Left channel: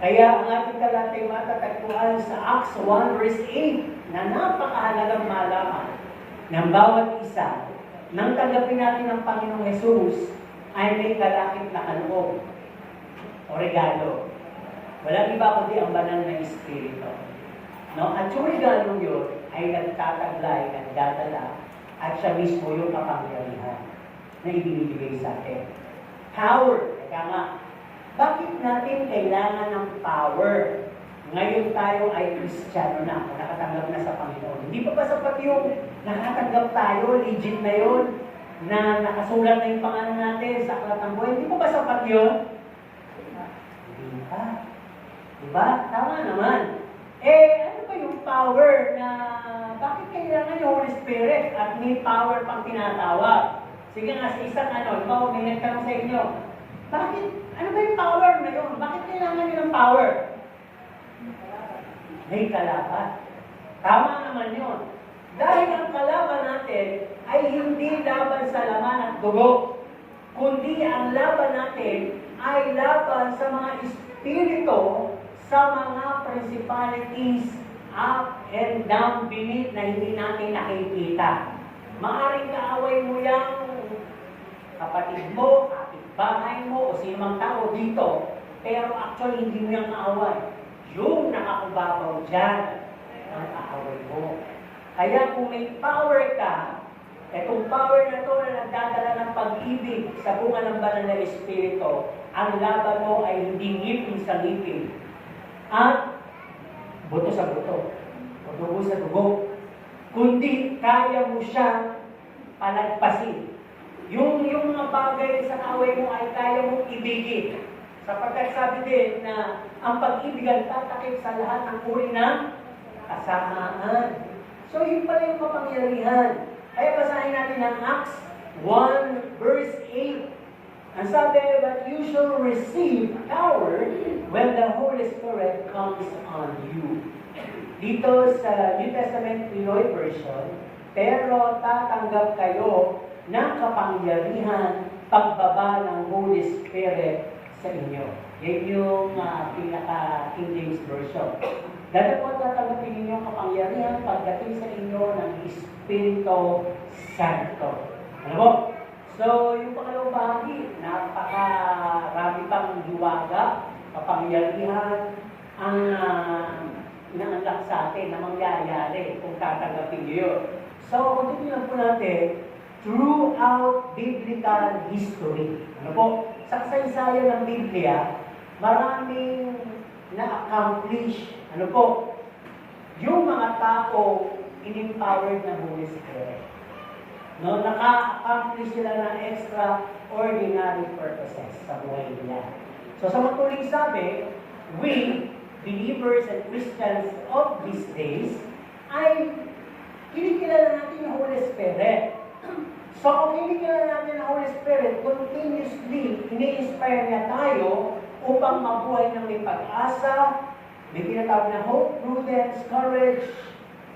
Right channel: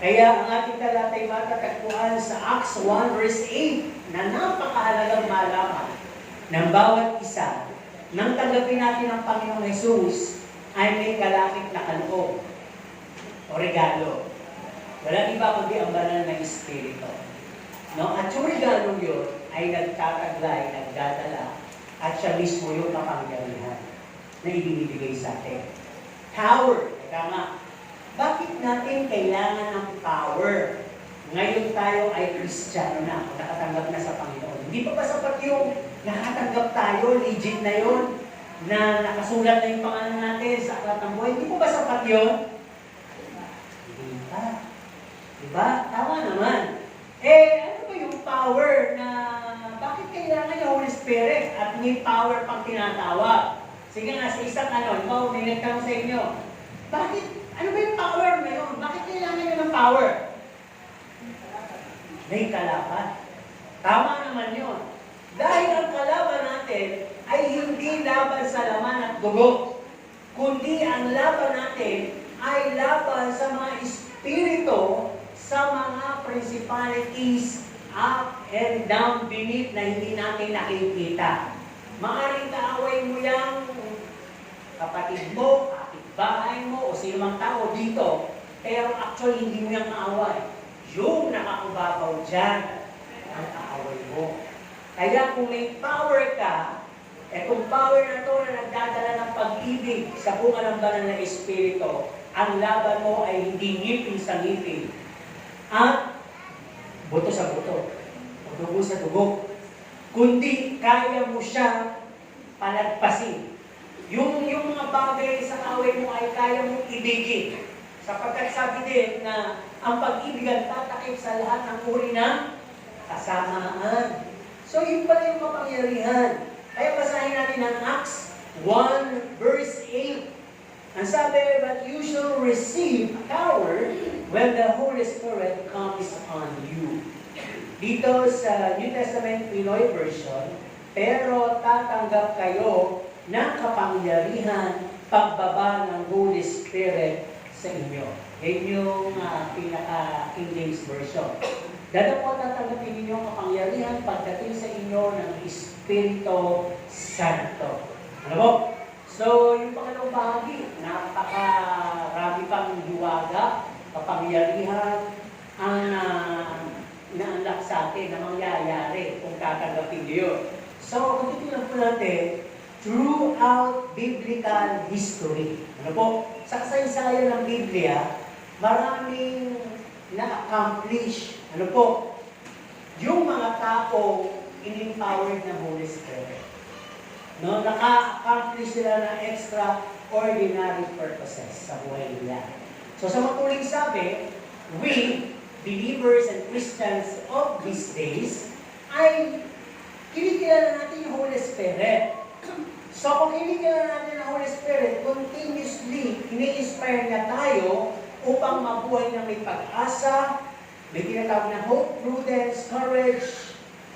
Kaya ang ating talatay matatagpuan sa Acts 1 verse 8 na napakahalagang malaman ng bawat isa nang tanggapin natin ang Panginoong Jesus ay may kalakip na kaloob o regalo. Walang iba kundi ang banal na Espiritu. No? At yung regalo yun ay nagtataglay, nagdadala, at siya mismo yung kapangyarihan na ibinibigay sa atin. Power. Teka nga, bakit natin kailangan ng power? Ngayon tayo ay Kristiyano na, nakatanggap na sa Panginoon. Hindi pa ba sapat yung nakatanggap tayo, legit na yun, na nakasulat na yung pangalan natin sa aklat ng buhay? Hindi pa ba sapat yun? Hindi pa. Diba? Tama naman. Ano ba yung power na bakit kailangan yung Holy Spirit at may power pang tinatawag? Sige nga, sa isang ikaw, may nagtanong sa inyo, bakit, ano ba yung power na yun? Bakit kailangan nyo ng power? May kalaban. Tama naman yun. Dahil ang kalaban natin ay hindi laban sa laman at dugo, kundi ang laban natin ay laban sa mga espiritu, sa mga principalities up and down beneath na hindi natin nakikita. Maaring kaaway mo yung kapatid mo, kapitbahay mo, o sino mang tao dito, pero actually hindi mo yung kaaway. Yung nakakubabaw dyan ang kaaway mo. Kaya kung may power ka, itong power na to na nagdadala ng pag-ibig sa bunga ng banal na Espiritu, ang laban mo ay hindi ngipin sa ngipin, at buto sa buto, o dugo sa dugo, kundi kaya mo siya palagpasin. Yung mga bagay sa away mo ay kaya mong ibigin. Sapagkat sabi din na ang pag-ibigan tatakip sa lahat ng uri ng kasamaan. So yun pala yung kapangyarihan. Kaya basahin natin ang Acts 1 verse 8. Ang sabi, but you shall receive power when the Holy Spirit comes on you. Dito sa New Testament Pinoy version, pero tatanggap kayo ng kapangyarihan pagbaba ng Holy Spirit sa inyo. Yan yung pinaka King James Version. Dahil po tatanggapin ninyo ang kapangyarihan pagdating sa inyo ng Espiritu Santo. Ano po? So, yung pangalawang bahagi, napakarami pang hiwaga, kapangyarihan, ang naandak sa atin na mangyayari kung tatanggapin nyo yun. So, kung titignan po natin, throughout biblical history, ano po, sa kasaysayan ng Biblia, maraming na-accomplish, ano po, yung mga tao in-empowered ng Holy Spirit. No, naka-accomplish sila ng extraordinary purposes sa buhay nila. So sa matuling sabi, we, believers and Christians of these days, ay kinikilala natin yung Holy Spirit. So kung kinikilala natin ang Holy Spirit, continuously, ini-inspire niya tayo upang mabuhay ng may pag-asa, may tinatawag na hope, prudence, courage,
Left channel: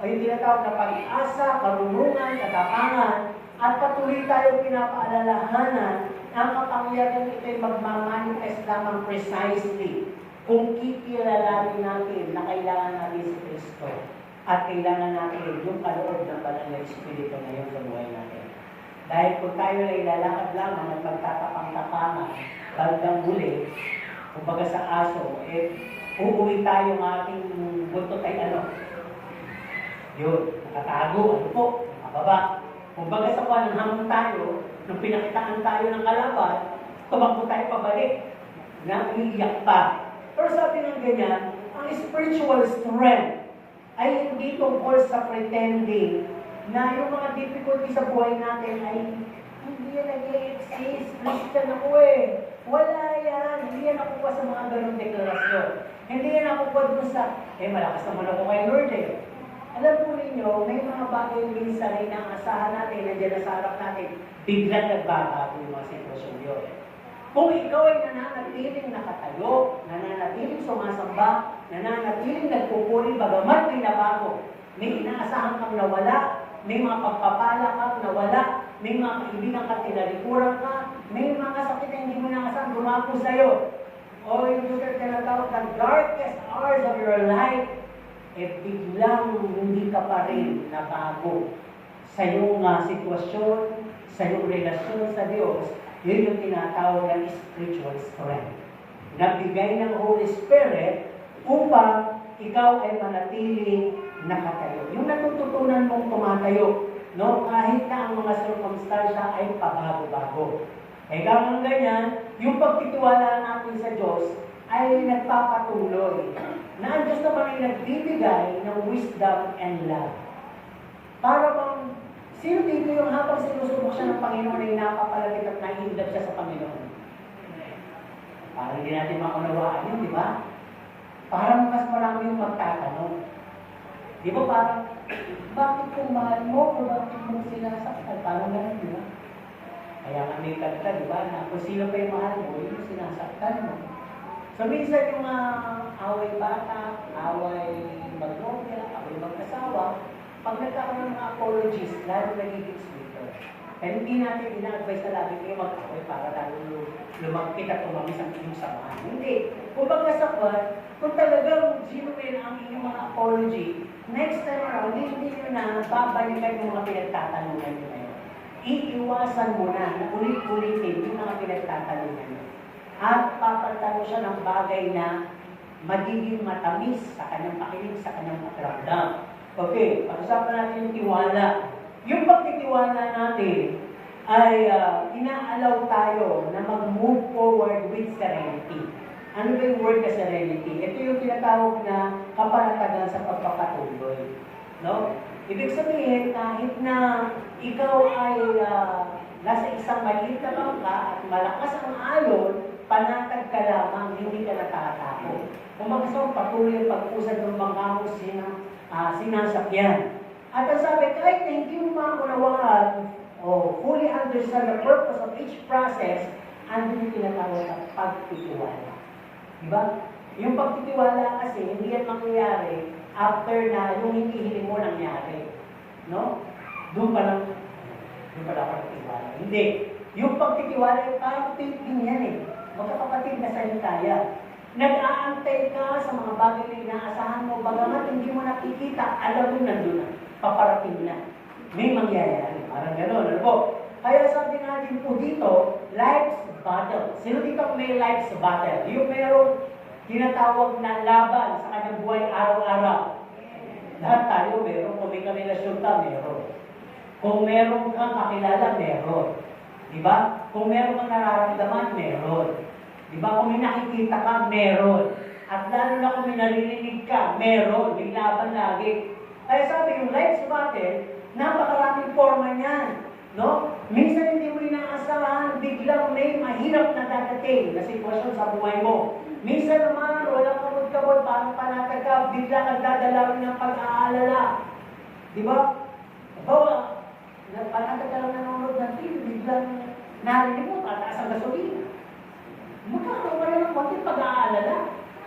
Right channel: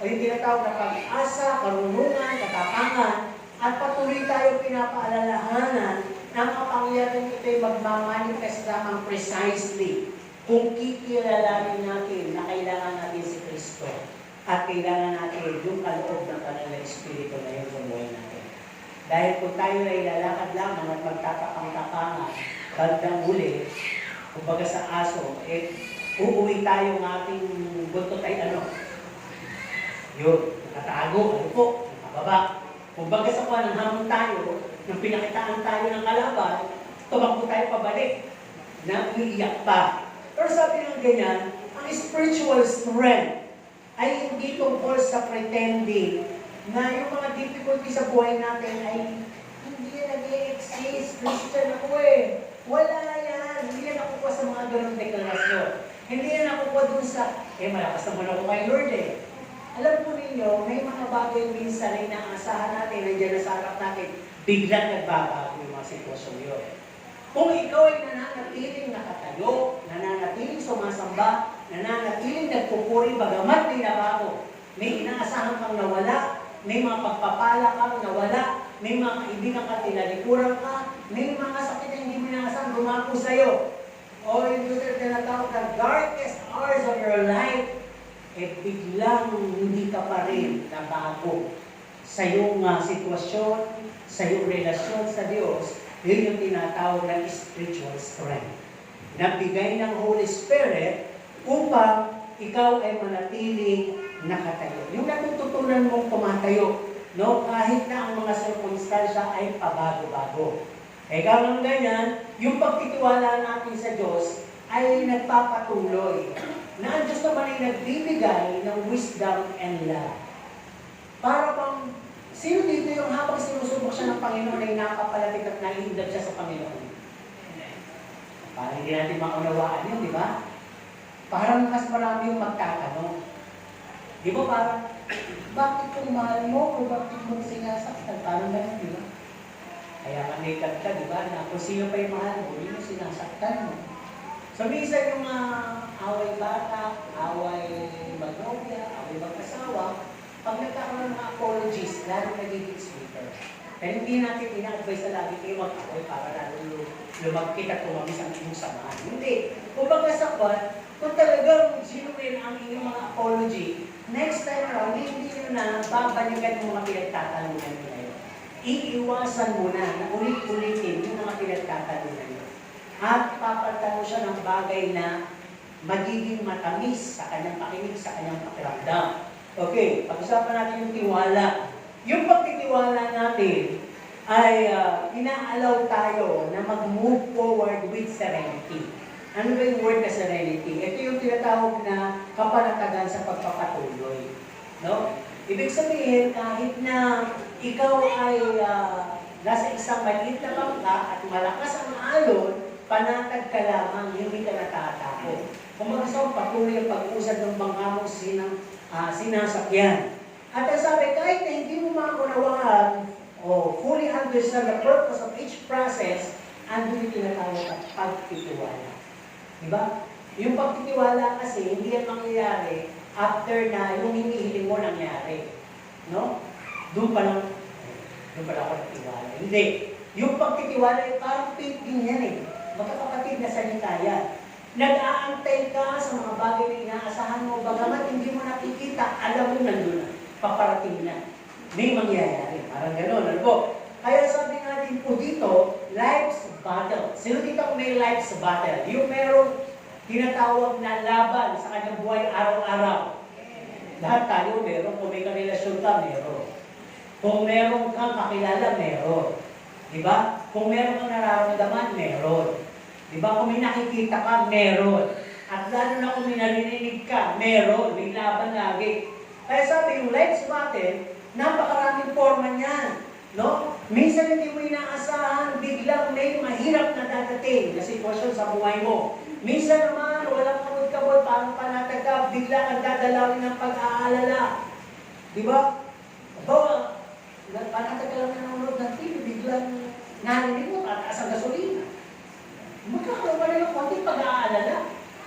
o yung tinatawag na pag-asa, karunungan, katapangan, at patuloy tayo pinapaalalahanan ang kapangyarihan ito'y magmamanifest lamang precisely kung kikilalanin natin na kailangan natin si Kristo at kailangan natin yung kaloob ng banal na Espiritu na yun sa buhay natin. Dahil kung tayo ay lalakad lamang at magtatapang-tapangan, bandang huli, kumbaga sa aso, uuwi tayo ng ating buntot ay yun, nakatago, nakababa. Kung baga sa kuha ng hamon tayo, nung pinakitaan tayo ng kalaban, tumakbo tayo pabalik na umiiyak pa. Pero sabi ng ganyan, ang spiritual strength ay hindi tungkol sa pretending na yung mga difficulty sa buhay natin ay hindi yan nag-i-exist. Christian ako Wala yan. Hindi yan nakukuha sa mga ganong deklarasyon. Hindi yan nakukuha dun sa, malakas naman ako kay Lord Alam po ninyo, may mga bagay minsan na inaasahan natin, nandiyan na sa harap natin, biglang nagbabago yung mga sitwasyon yun. Kung ikaw ay nananatiling nakatayo, nananatiling sumasamba, nananatiling nagpupuri, bagamat may nabago, may inaasahan kang nawala, may mga pagpapala kang nawala, may mga kaibigan ka tinalikuran ka, may mga sakit na hindi mo inaasahan, dumapo sa'yo. o yung tinatawag na darkest hours of your life, biglang hindi ka pa rin nabago sa iyong sitwasyon, sa iyong relasyon sa Diyos, yun yung tinatawag ng spiritual strength. Nagbigay ng Holy Spirit upang ikaw ay manatiling nakatayo. Yung natututunan mong tumatayo, no? Kahit na ang mga circumstansya ay pabago-bago. Kaya ng ganyan, yung pagtitiwala natin sa Diyos ay nagpapatuloy na ang Diyos naman ay nagbibigay ng wisdom and love. Para bang, sino dito yung habang sinusubok siya ng Panginoon ay napapalatik at naiinggap siya sa Panginoon? Para hindi natin maunawaan yun, di ba? Parang mas marami yung magtatanong. Di ba parang, bakit kung mahal mo o bakit mo sinasaktan? Parang ganun, di ba? Kaya manikad ka, di ba? Na kung sino pa yung mahal mo, yun yung sinasaktan mo. So, minsan yung away bata, away magnobya, away mag-asawa, pag nagkakaroon ng mga apologies, lalo nagiging sweeter. Pero hindi natin ina-advise na lagi kayo mag-away para lalo lumagkit at tumamis ang inyong samahan. Hindi. Kung pagkasapat, kung talagang genuine ang inyong mga apology, next time around, hindi nyo na babalikan yung mga pinagtatanungan nyo ngayon. Iiwasan mo na, ulit-ulitin yung mga pinagtatanungan nyo. At papalitan mo siya ng bagay na magiging matamis sa kanyang pakinig, sa kanyang pakiramdam. Okay, pag-usapan natin yung tiwala. Yung pagtitiwala natin ay inaalaw tayo na mag-move forward with serenity. Ano ba yung word na serenity? Ito yung tinatawag na kapanatagan sa pagpapatuloy. No? Ibig sabihin, kahit na ikaw ay nasa isang maliit na bangka at malakas ang alon, panatag ka lamang, hindi ka natatakot. Kung mag-isang patuloy ang pag-usad ng bangka mo sinasakyan. At ang sabi, kahit na hindi mo maunawaan o fully understand the purpose of each process, andun yung tinatawag na pagtitiwala. Diba? Yung pagtitiwala kasi, hindi yan mangyayari after na yung hinihiling mo nangyari. No? Doon pa lang ako nagtiwala. Hindi. Yung pagtitiwala ay parang painting yan eh. Magkakapatid na salitaya. Nag-aantay ka sa mga bagay na inaasahan mo, bagamat hindi mo nakikita, alam mo nandun na, paparating na. May mangyayari. Parang gano'n. Ano po? Kaya sabi natin po dito, life's battle. Sino dito may life's battle? Yung merong tinatawag na laban sa kanyang buhay araw-araw. Lahat tayo meron. Kung may karelasyon ka, meron. Kung meron kang kakilala, meron. Diba? Kung meron kang nararamdaman, meron. Diba? Kung may nakikita ka, meron. At lalo na kung may narinig ka, meron. May laban lagi. Kaya sabi, yung life's battle, napakaraming forma niyan. No? Minsan hindi mo inaasahan, biglang may mahirap na dadating na sitwasyon sa buhay mo. Minsan naman, walang kamod-kamod, parang panatag ka, bigla kang dadalawin ng pag-aalala. Diba? Bawa, panatag ka lang nanonood ng TV, biglang narinig mo, tataas ang gasolina. Magkakaroon ka rin ng konting pag-aalala.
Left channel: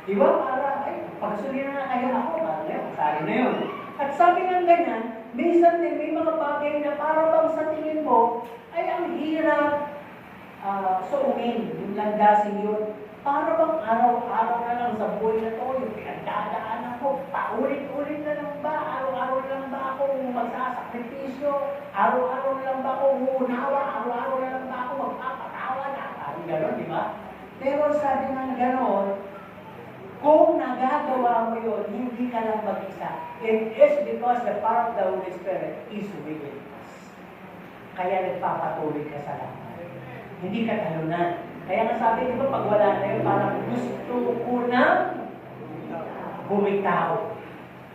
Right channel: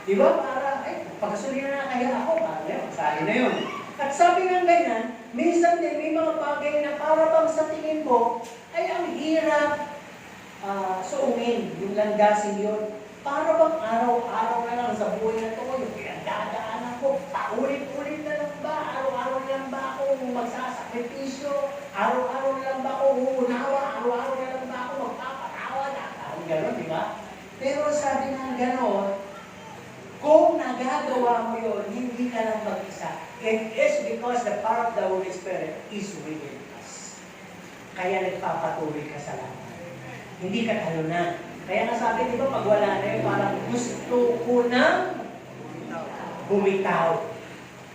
Diba? Para, pag-gasolina na kaya ako, parang yun, sali na yun. At sabi nga ganyan, minsan din may mga bagay na para bang sa tingin mo, ay ang hirap suungin, yung langgasin yun. Para bang araw-araw na lang sa buhay na to, yung pinagdadaanan ko, paulit-ulit na lang ba? Araw-araw na lang ba ako magsasakripisyo? Araw-araw na lang ba ako uunawa? Araw-araw na lang ba ako magpapatawa? Parang gano'n, di ba? Pero sabi nga gano'n, kung nagagawa mo yun, hindi ka lang mag-isa. It is because the power of the Holy Spirit is within us. Kaya nagpapatuloy ka sa lahat. Hindi ka talunan. Kaya nga sabi, di ba, pag wala na yun, parang gusto ko nang bumitaw.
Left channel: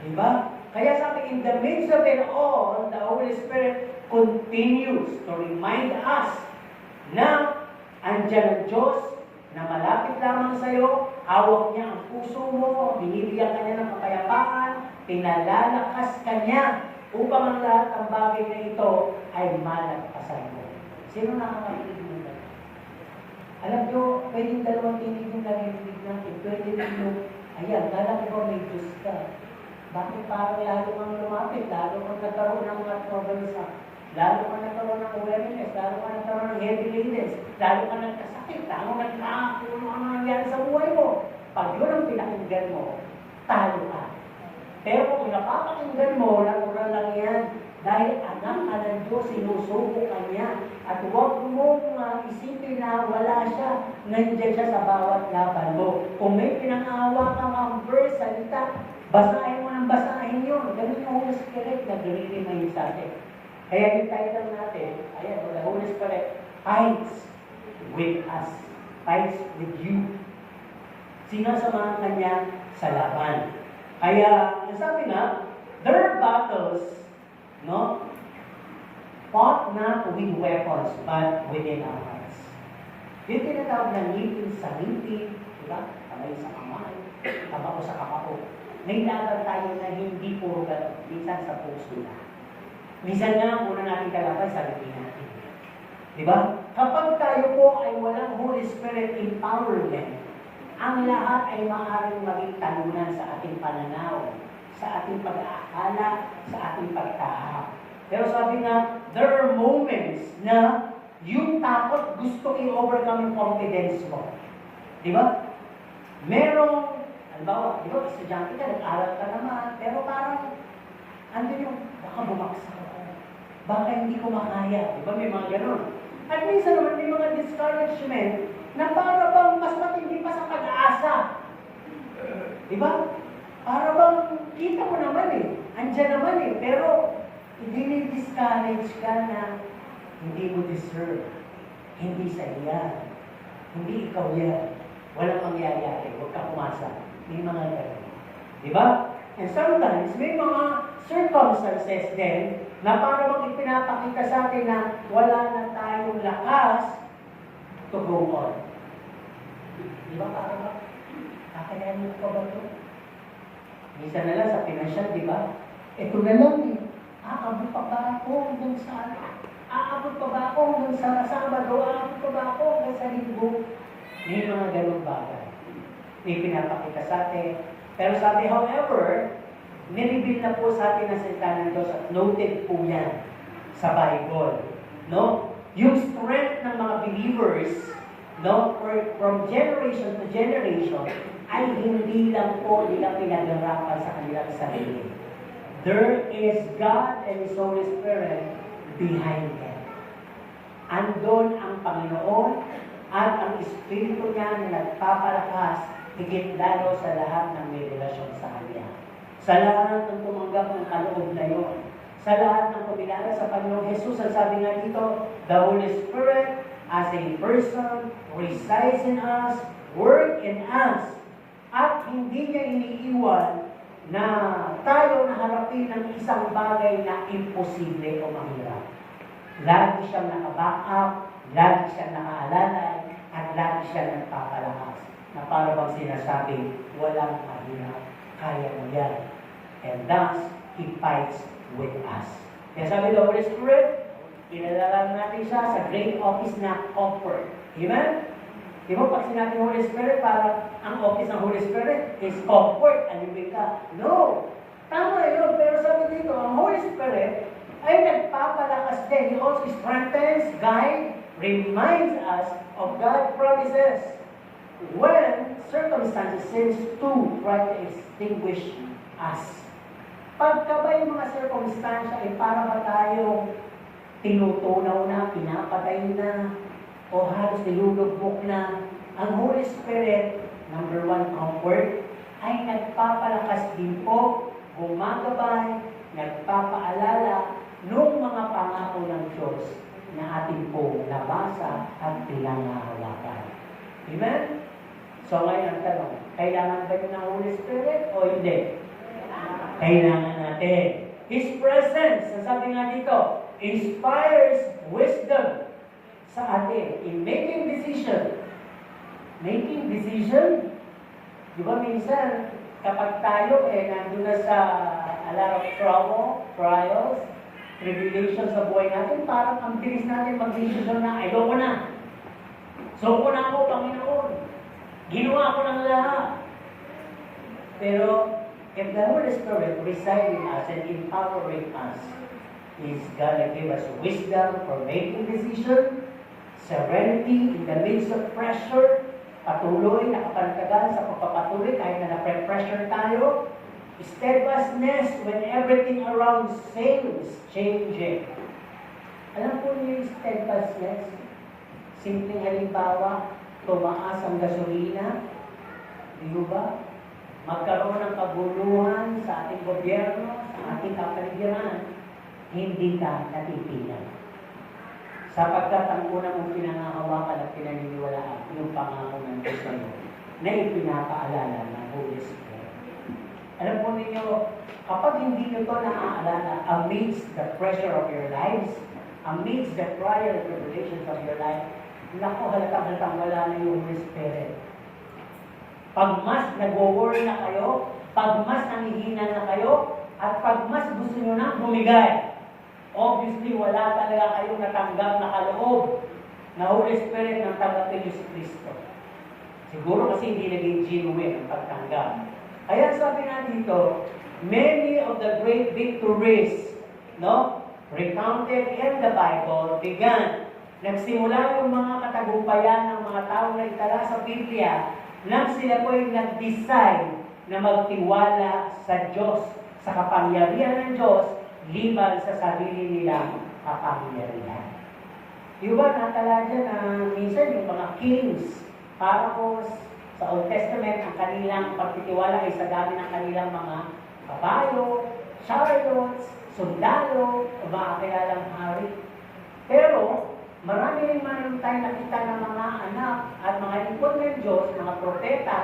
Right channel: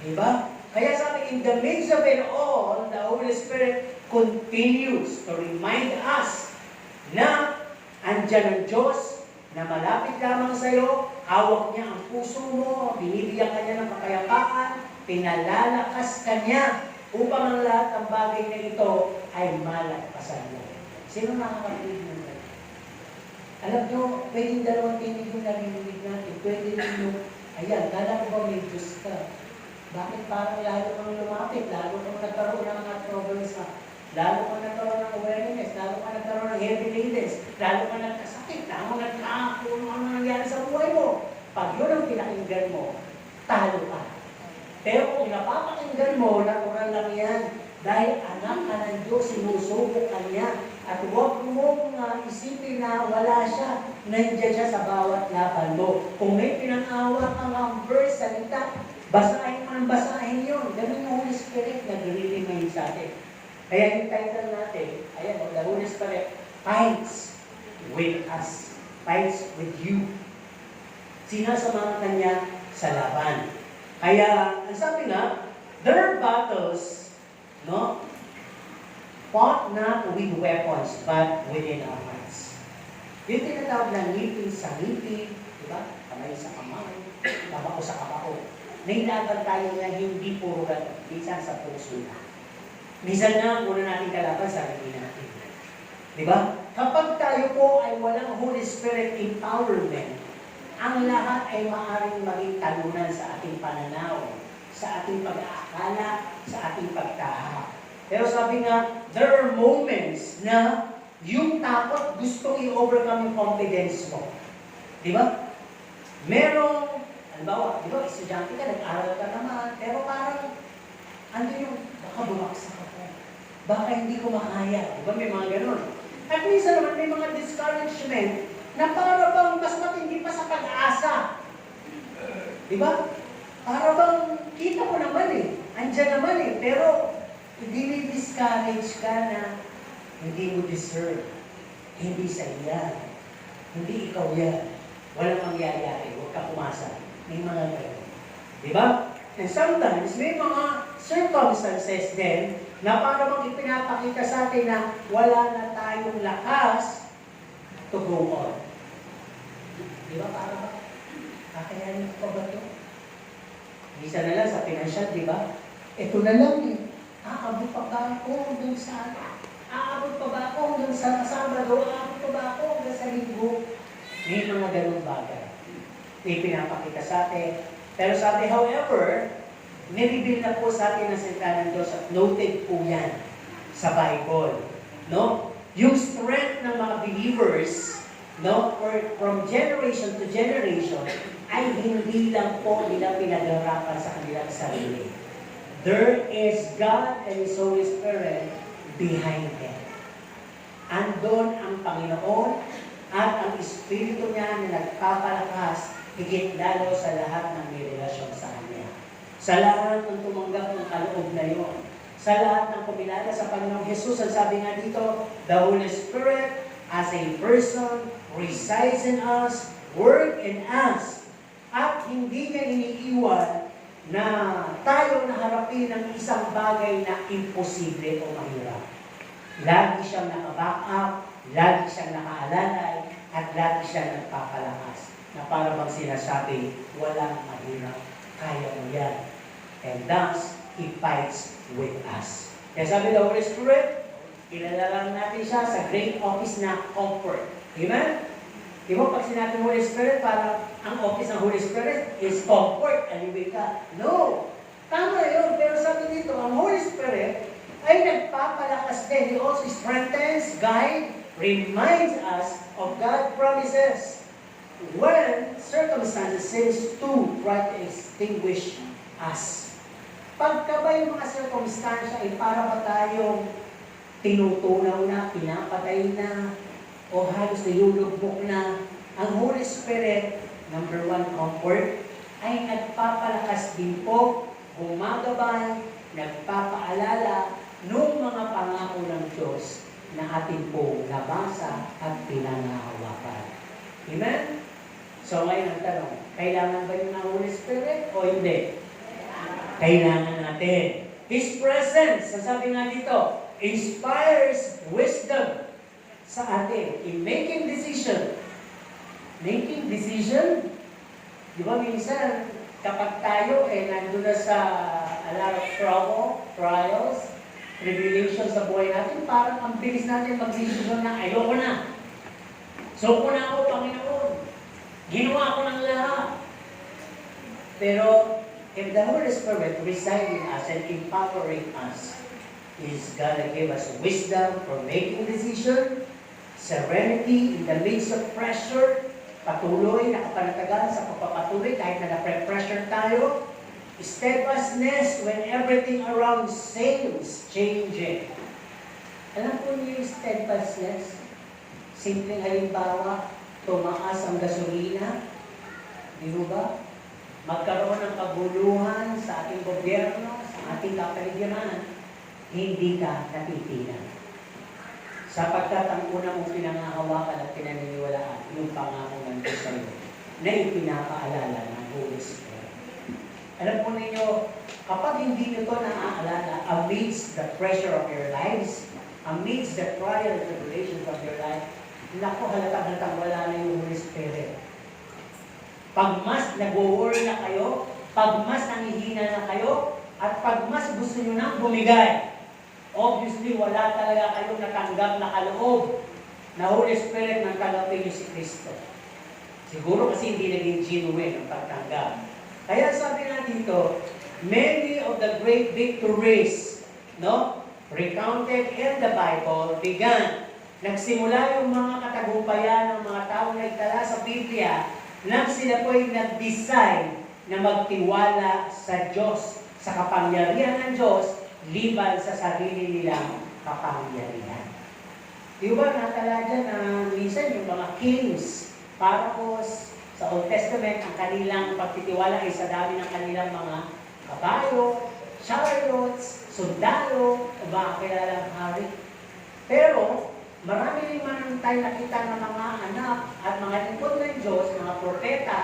Di ba? Kaya sabi, in the midst of it all, the Holy Spirit continues to remind us na andyan ang Diyos na malapit lamang sa iyo, hawak niya ang puso mo, binibigyan ka niya ng kapayapaan, pinalalakas ka niya upang ang lahat ng bagay na ito ay malagpasan mo. Sino nakakakinig mo? Alam nyo, pwedeng dalawang tinig yung narinig natin. Pwede rin yung, ayan, alam mo, may Diyos ka. Bakit parang lalo kang lumapit, lalo kang nagkaroon ng mga trabalsa? lalo ka nagkaroon ng awareness, lalo ka nagkaroon ng heavy lateness, lalo ka nagkasakit, lalo kung ano nangyari sa buhay mo. Pag yun ang pinakinggan mo, talo ka. Pero kung napapakinggan mo, natural lang yan. Dahil anak ka ng Diyos, sinusubo ka niya. At huwag mong isipin na wala siya. Nandiyan siya sa bawat laban mo. Kung may pinangawa kang ang verse, salita, basahin mo ng basahin yun. Ganun yung Holy Spirit na ginilimayin sa atin. Kaya yung title natin, ayan, the Holy Spirit fights with us. Fights with you. Sinasamahan ka niya sa laban. Kaya, ang sabi nga, there are battles, no? Fought not with weapons, but within our hearts. Yung tinatawag na ngipin sa ngipin, diba? Kamay sa kamay, kamao sa kamao. May laban tayo na hindi puro gato, minsan sa puso na. Minsan na, muna natin kalaban sa sarili natin. Diba? Kapag tayo po ay walang Holy Spirit empowerment, ang lahat ay maaaring maging talunan sa ating pananaw, sa ating pag-aakala, sa ating pagtahak. Pero sabi nga, there are moments na yung takot gusto i-overcome yung confidence mo. Di ba? Merong, halimbawa, di ba, estudyante ka, nag-aral ka naman, pero parang, andun yung, baka bumaksak ako, baka hindi ko makaya. Di ba, may mga ganun. At minsan naman may mga discouragement na para bang mas matindi pa sa pag-asa. Di ba? Para bang kita ko naman andyan naman pero hindi discourage ka na hindi mo deserve. Hindi sa iyan. Hindi ikaw yan. Walang mangyayari. Huwag ka pumasa. May mga ganun. Di ba? And sometimes, may mga circumstances din na para bang ipinapakita sa atin na wala na tayong lakas to go on. Di ba para ba? Kakayanin ko ba ito? Minsan na lang sa financial, di ba? Ito na lang aabot pa ba ako hanggang sa aabot pa ba ako hanggang sa Sabado? Aabot pa ba ako hanggang sa Linggo? May mga ganong bagay. Ipinapakita sa atin. Pero sabi, however, nireveal na po sa atin ang salita ng Diyos at noted po yan sa Bible. No? Yung strength ng mga believers, no, or from generation to generation, ay hindi lang po nila pinagharapan sa kanilang sarili. There is God and His Holy Spirit behind them. Andun ang Panginoon at ang Espiritu niya na nagpapalakas higit lalo sa lahat ng may relasyon sa Kanya. Sa lahat ng tumanggap ng kaloob na yun. Sa lahat ng kumilala sa Panginoong Jesus, ang sabi nga dito, the Holy Spirit as a person resides in us, work in us, at hindi niya iniiwan na tayo naharapin ng isang bagay na imposible o mahirap. Lagi siyang naka-back up, lagi siyang nakaalalay, at lagi siyang nagpapalakas. Na para bang sinasabi, walang mahirap, kaya mo yan. And thus, He fights with us. Kaya sabi ng Holy Spirit, ilalalang natin siya sa great office na comfort. Amen? Di ba pag sinabi ng Holy Spirit, para ang office ng Holy Spirit is comfort, aliwin ka. No! Tama yun, pero sabi dito, ang Holy Spirit ay nagpapalakas din. He also strengthens, guides, reminds us of God's promises when circumstances seems to try to extinguish us. Pagka ba yung mga circumstansya ay para ba tayong tinutunaw na, pinapatay na, o halos nilulubok na, ang Holy Spirit, number one, comfort, ay nagpapalakas din po, gumagabay, nagpapaalala nung mga pangako ng Diyos na atin po nabasa at pinangahawakan. Amen? So ngayon ang tanong, kailangan ba yun ng Holy Spirit o hindi? Kailangan natin. His presence, sabi nga dito, inspires wisdom sa atin in making decision. Making decision? Di ba minsan, kapag tayo nandun na sa a lot of trouble, trials, tribulations sa buhay natin, parang ang bilis natin mag-decision na ayoko na. So ko na ako, Panginoon. Ginawa ko ng lahat. Pero, if the Holy Spirit resides in us and empowering us, is gonna give us wisdom for making decision, serenity in the midst of pressure, patuloy, nakapanatagan sa pagpapatuloy kahit na na-pressure tayo, steadfastness when everything around seems changing. Alam po niyo yung steadfastness? Simpleng halimbawa, tumaas ang gasolina, di ba? Magkaroon ng kaguluhan sa ating gobyerno, sa ating kapaligiran, hindi ka natitinan. Sapagkat ang una mong pinangahawakan at pinaniniwalaan, yung pangako ng Diyos sa iyo, na ipinapaalala ng Holy Spirit. Alam po ninyo, kapag hindi nyo ito naaalala, amidst the pressure of your lives, amidst the trial and tribulations of your life, naku, halatang wala na yung Holy Spirit. Pag mas nag-worry na kayo, pag mas nangihina na kayo, at pag mas gusto nyo nang bumigay, obviously wala talaga kayong natanggap na kaloob na Holy Spirit nang tanggapin nyo si Kristo. Siguro kasi hindi naging genuine ang pagtanggap. Kaya sabi na dito, many of the great victories, recounted in the Bible began. Nagsimula yung mga katagumpayan ng mga taong na itala sa Biblia nang sila po'y nag-decide na magtiwala sa Diyos, sa kapangyarihan ng Diyos, liban sa sarili nilang kapangyarihan. Di ba, natala dyan na minsan yung mga kings, pharaohs, sa Old Testament, ang kanilang pagtitiwala ay sa dami ng kanilang mga kabayo, chariots, sundalo, o mga kilalang hari. Pero, marami rin man tayo nakita ng mga anak at mga lingkod ng Diyos, mga propeta,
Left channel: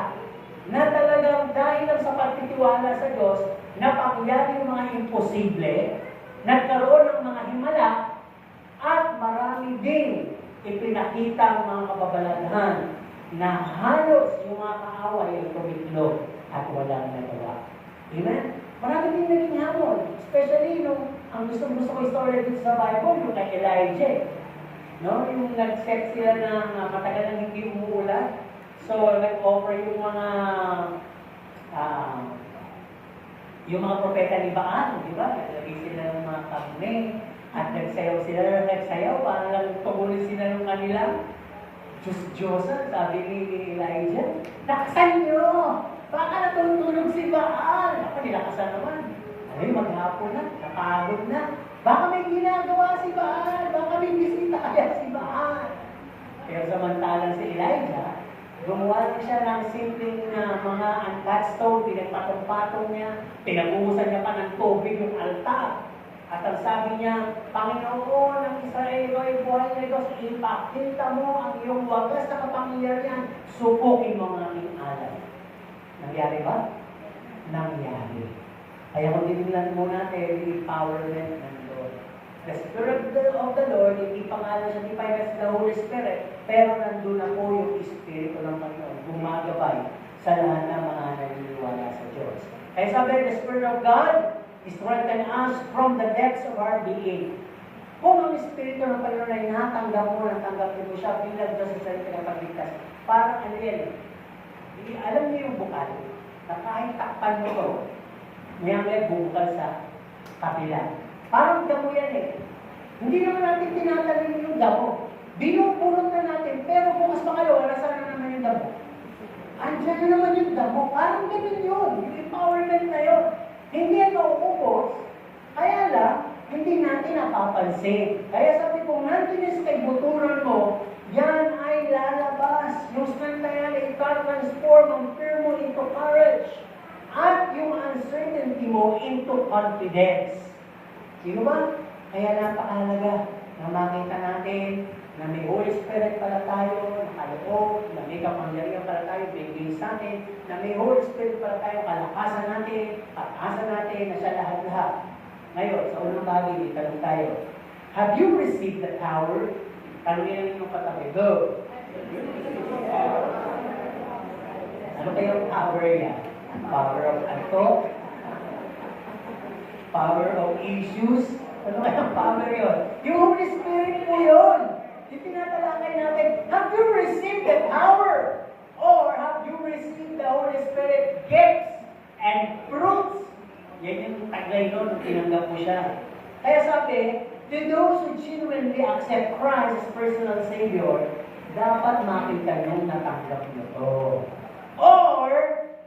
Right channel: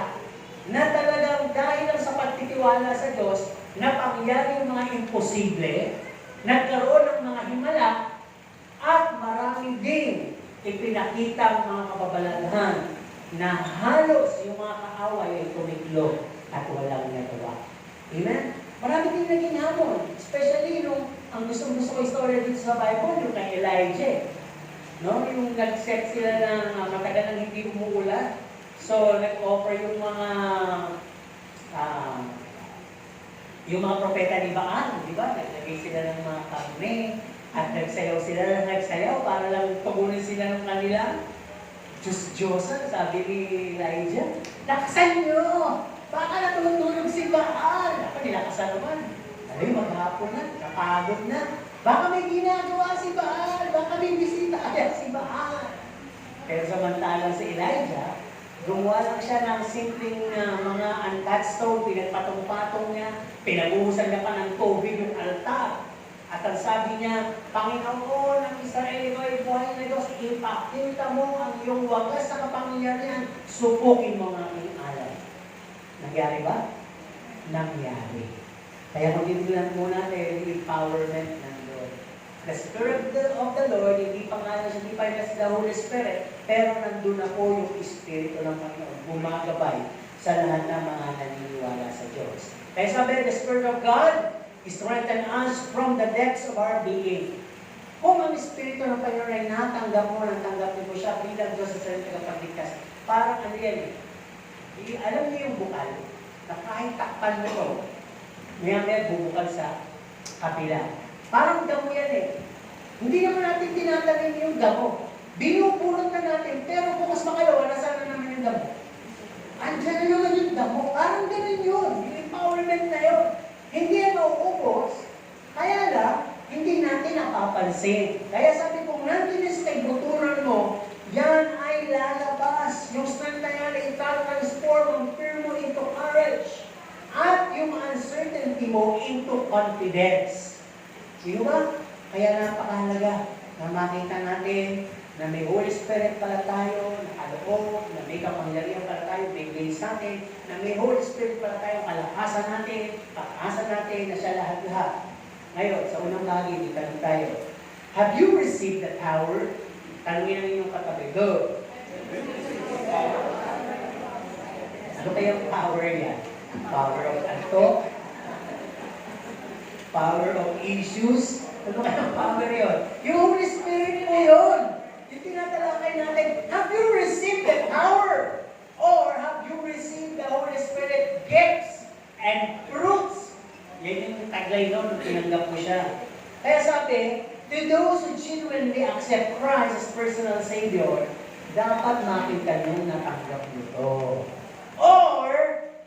na talagang dahil lang sa pagtitiwala sa Diyos, napangyari yung mga imposible, nagkaroon ng mga himala, at marami din ipinakita ang mga kababalaghan na halos yung mga kaaway ay tumiklo at walang nagawa. Amen? Marami din naging hamon, especially nung ang gusto ko istorya dito sa Bible, yung kay Elijah. Yung nag-set sila na matagal nang hindi umuulan. So, nag-offer yung mga propeta ni Baal, di ba? Naglagay sila ng mga karne at nagsayaw sila para lang tumunin sila ng kanilang Diyos-Diyosan, sabi ni Elijah. Lakasan nyo! Baka natutulog si Baal! Ako, nilakasan naman. Ay, maghapon na, napagod na. Baka may ginagawa si Baal, baka may bisita kaya si Baal. Pero samantalang si Elijah, gumawa lang siya ng simpleng mga uncut stone, pinagpatong-patong niya, pinabuhusan niya pa ng tubig yung altar. At ang sabi niya, Panginoon ng Israel, ikaw ay buhay na Diyos, ipakita mo ang iyong wagas na kapangyarihan, subukin mo ang aking alay. Nangyari ba? Nangyari. Kaya kung tinilang muna tayo yung empowerment ng Lord. The Spirit of the Lord, hindi pa nga siya, hindi pa the Holy Spirit, pero nandun na po yung Espiritu ng Panginoon, gumagabay sa lahat ng mga naniniwala sa Diyos. Kaya sabi, the Spirit of God strengthen us from the depths of our being. Kung ang Espiritu ng Panginoon ay natanggap mo mo siya bilang Diyos sa sarili kapagligtas, parang ano yan alam niyo yung bukal, na kahit takpan mo ito, may bubukal sa kapila. Parang damo yan Hindi naman natin tinatanim yung damo. Binupurot na natin, pero kung mas makalawa, nasaan na naman yung damo? Andiyan na naman yung damo. Parang ganun yun. Yung empowerment na yun. Hindi yan mauubos. Kaya lang, hindi natin napapansin. Kaya sabi ko, nandun yung sa kagbuturan mo, yan ay lalabas. Yung strength na yan ay transform ang fear mo into courage. At yung uncertainty mo into confidence. Sino ba? Kaya napakahalaga na makita natin na may Holy Spirit pala tayo, nakaloob, na may kapangyarihan pala tayo, may grace natin, na may Holy Spirit pala tayo, kalakasan natin, pag-asa natin, na siya lahat-lahat. Ngayon, sa unang bagay, hindi tanong tayo, have you received the power? Tanongin namin yung katabi. Go! Ano kayong power yan? Power of ato? Power of issues? Ano kayang power yun? Yung Holy Spirit na yun! Yung tinatalakay natin, have you received the power? Or have you received the Holy Spirit gifts and fruits? Yan yung taglay doon, nung tinanggap mo siya. Kaya sabi, to those who genuinely accept Christ as personal Savior, dapat makita nyo natanggap nyo to. Or,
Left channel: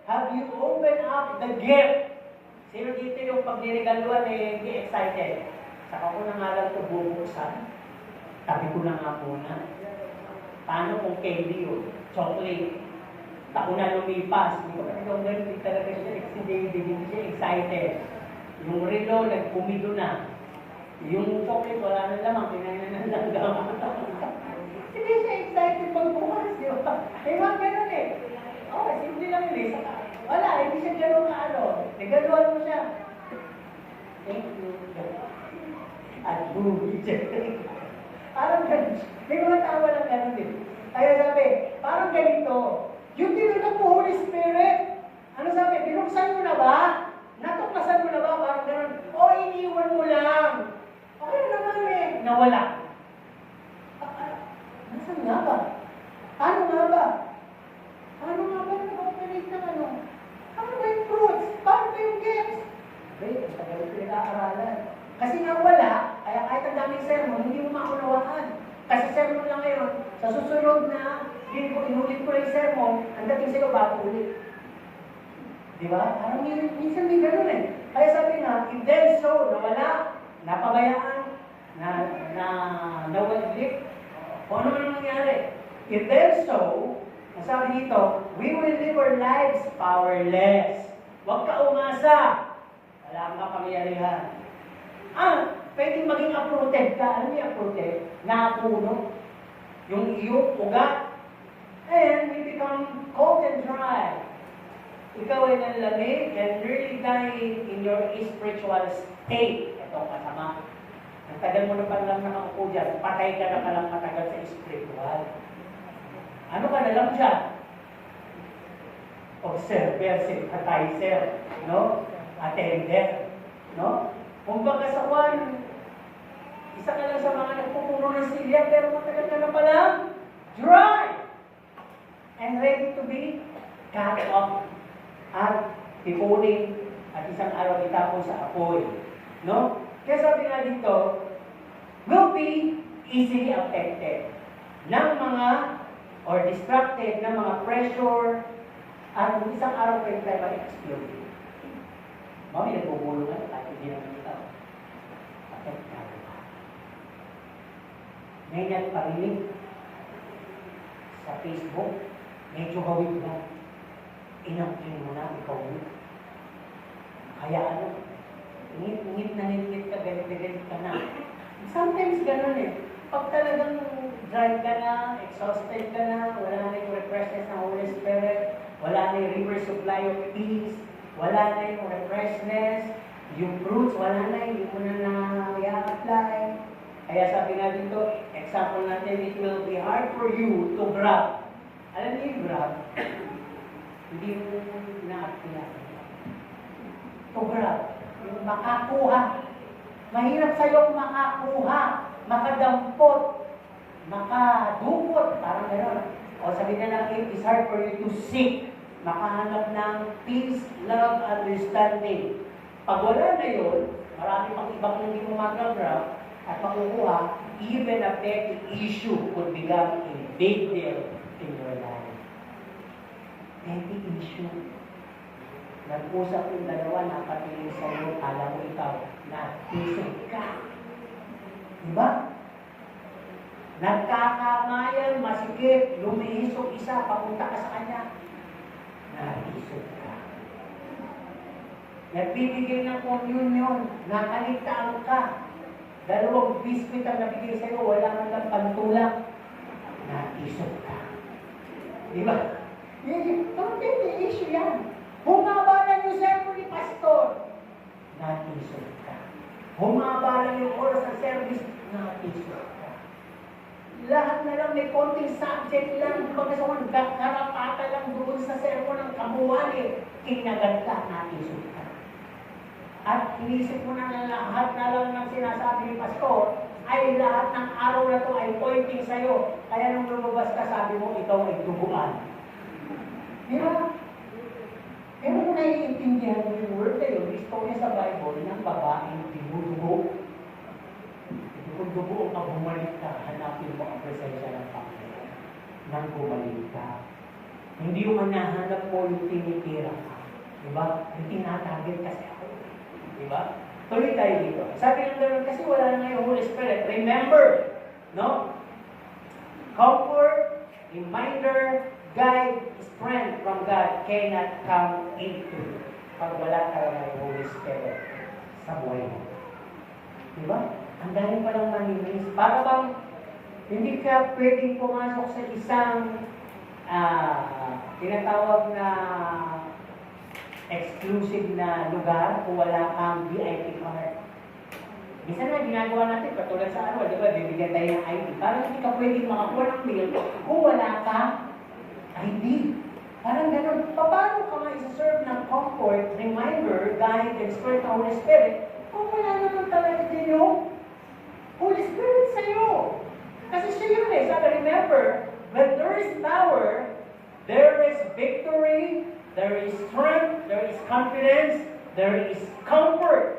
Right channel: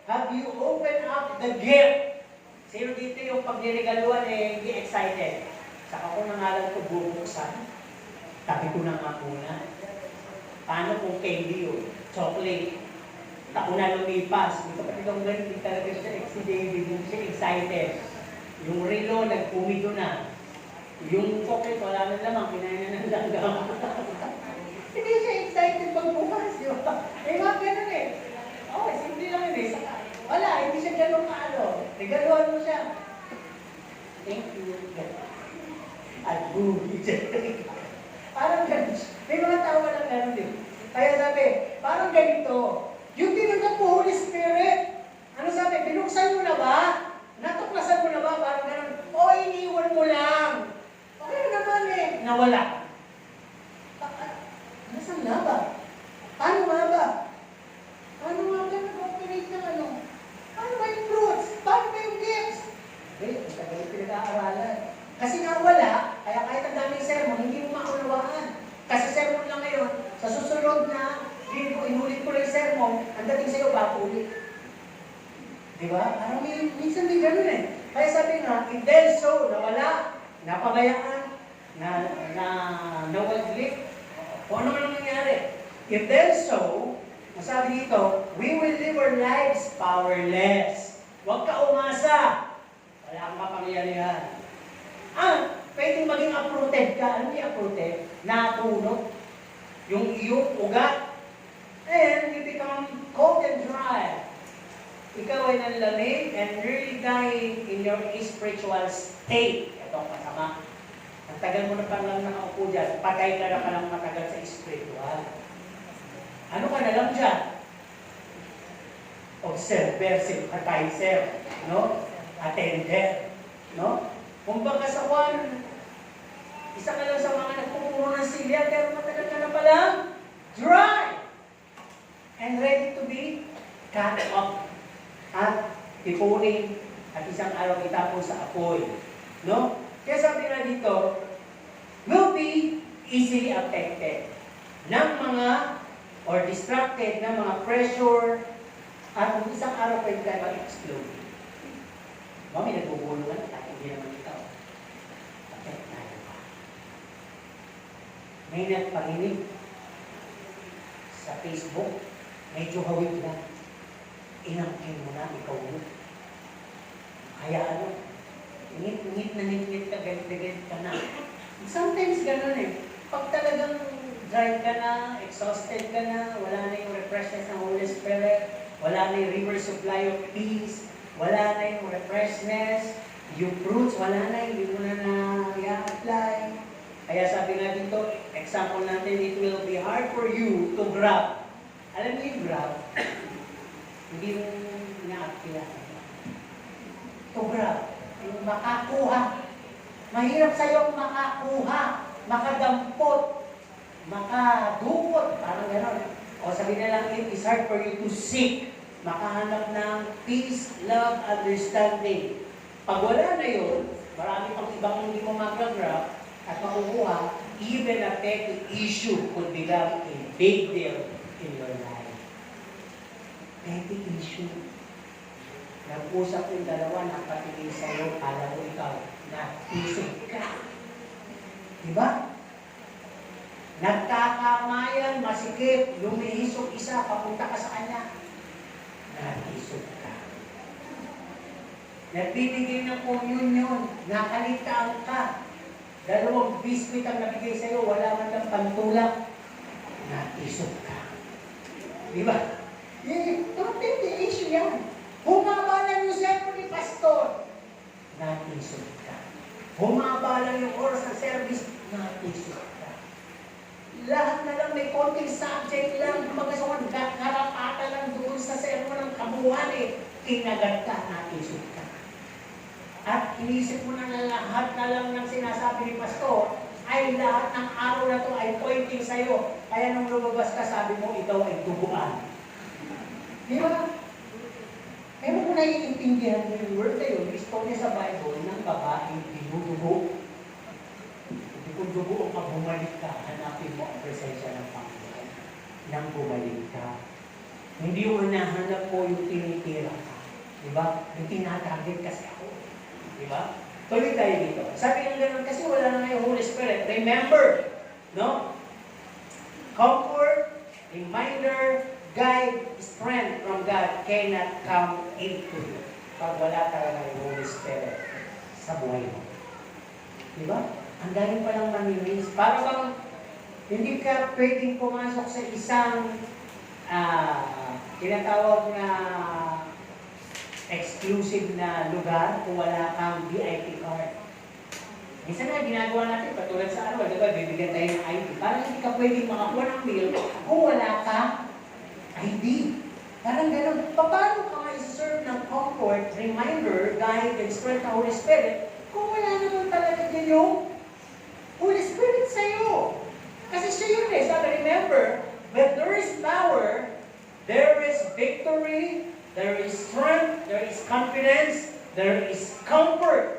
have you opened up the gift? Sino dito yung pag ninigaluan hindi excited? Saka ko na nga lang ito bubuksan. Sabi ko na nga muna. Paano kung candy yun? Chocolate. Ako na lumipas. Ito talagang ganito talaga siya, si David, hindi siya excited. Yung relo, nagpumido na. Yung chocolate, wala na lamang, kinain na ng langgam. Hindi siya excited magbukas, di ba? Eh, mga ganun eh. Okay, simple lang yun eh. Wala, hindi siya ganun kaalo. Nagaluan mo siya. Thank you. At boom, parang ganun. May mga tawa na ganun eh. Kaya sabi, parang ganito. Yung tinanggap mo, Holy Spirit, ano sabi, binuksan mo na ba? Natuklasan mo na ba? Parang ganun. O, iniwan mo lang. Okay naman eh. Nawala. Nasaan nga ba? Ano nga ba? Ano nga ba nag-operate ng ano? Ano ba yung fruits? Paano ba yung gifts? Eh, ang tagal yung pinag-aaralan. Kasi nga wala, kaya kahit ang daming sermon, hindi mo maunawaan. Kasi sermon lang ngayon, sa susunod na linggo, inulit ko na yung sermon, ang dating sa'yo, bago ulit. Diba? Parang minsan may ganun eh. Kaya sabi nga, if there's so, nawala, napabayaan, nawaglit, kung ano man nangyari. If there's so, masabi dito, we will live our lives powerless. Huwag ka umasa. Wala kang kapangyarihan. Pwedeng maging uprooted ka. Ano yung uprooted? Napuno. Yung iyong ugat. And you become cold and dry. Ikaw ay nanlamig and really dying in your spiritual state. Ito kasama. Ang tagal mo na pa lang nakaupo dyan, patay ka na palang matagal sa spiritual. Ano ka na lang dyan? Observer, sympathizer, no? Attender, no? Kung baka sa one, isa ka lang sa mga nagpupuno ng silya, pero matagal ka na palang dry and ready to be cut off at ipunin at isang araw itapon sa apoy. No? Kaya sabi nga dito, will be easily affected ng mga or distracted ng mga pressure at isang araw pa yung tayo mag-explode. Mami, nagbubulungan at hindi naman ito. Affect tayo pa. May nagparinig sa Facebook, medyo hawig na. Inangkin mo na, ikaw mo. Kaya ano, ngit na ngit ka, galit ka na. Sometimes ganun eh. Pag talagang dry ka na, exhausted ka na, wala na yung refreshness ng Holy Spirit, wala na yung river supply of peace, wala na yung refreshness, yung fruits, wala na, hindi mo na na-apply. Kaya sabi nga dito, example natin, it will be hard for you to grab. Alam niyo yung grab? Hindi mo na-apply. To grab. Yung makakuha. Mahirap sa'yo makakuha, makadampot, makadupot, parang gano'n. O sabi na lang, it is hard for you to seek, makahanap ng peace, love, understanding. Pag wala na yun, marami pang ibang hindi mo mag-grab at makukuha, even a petty issue could become a big deal in your life. Petty issue. Nag-usap yung dalawa, nakatingin sa'yo, alam mo ikaw, na isip ka. Diba? Nagkakamayan, masikip, lumihis yung isa, papunta ka sa kanya. Naisip ka. Nagbibigay ng communion, nakaligtaan ka. Dalawang biskuit ang nabigay sa'yo, wala man lang pantulak. Naisip ka. Diba? Don't think the issue yan. Humaba lang yung sermon ni pastor. Naisip ka. Humaba lang yung oras ng service. Naisip ka. Lahat na lang may konting subject lang. Kumbaga sa mga karapata lang doon sa sermon ng kabuuan eh. Kinagat ka, naisip ka. At inisip mo na lahat na lang ng sinasabi ni pastor ay lahat ng araw na to ay pointing sa'yo. Kaya nung lumabas ka, sabi mo, ikaw ay duguan. Di ba? Pero kung naiintindihan mo yung word na yun, istorya sa Bible ng babaeng dinudugo. nang bumalik ka. Hindi yung hinahanap mo yung tinitira ka. Diba? Yung tinatarget kasi ako. Diba? Tuloy tayo dito. Sabi ng gano'n, kasi wala na ngayon Holy Spirit. Remember, no? Comfort, reminder, guide, strength from God cannot come into you pag wala talaga yung Holy Spirit sa buhay mo. Diba? Ang dahil palang mamimiss. Para bang hindi ka pwedeng pumasok sa isang tinatawag na exclusive na lugar kung wala kang VIP card. Minsan nga ginagawa natin, katulad sa ano, diba, bibigyan tayo ng ID. Parang hindi ka pwedeng makakuha ng meal kung wala kang ID. Parang ganun. Paano ka ma-serve ng comfort, reminder, guide, and strength ng Holy Spirit kung wala naman talaga din yung Holy Spirit sa'yo? Kasi siya yun eh. Sabi, remember, when there is power, there is victory, there is strength, there is confidence, there is comfort.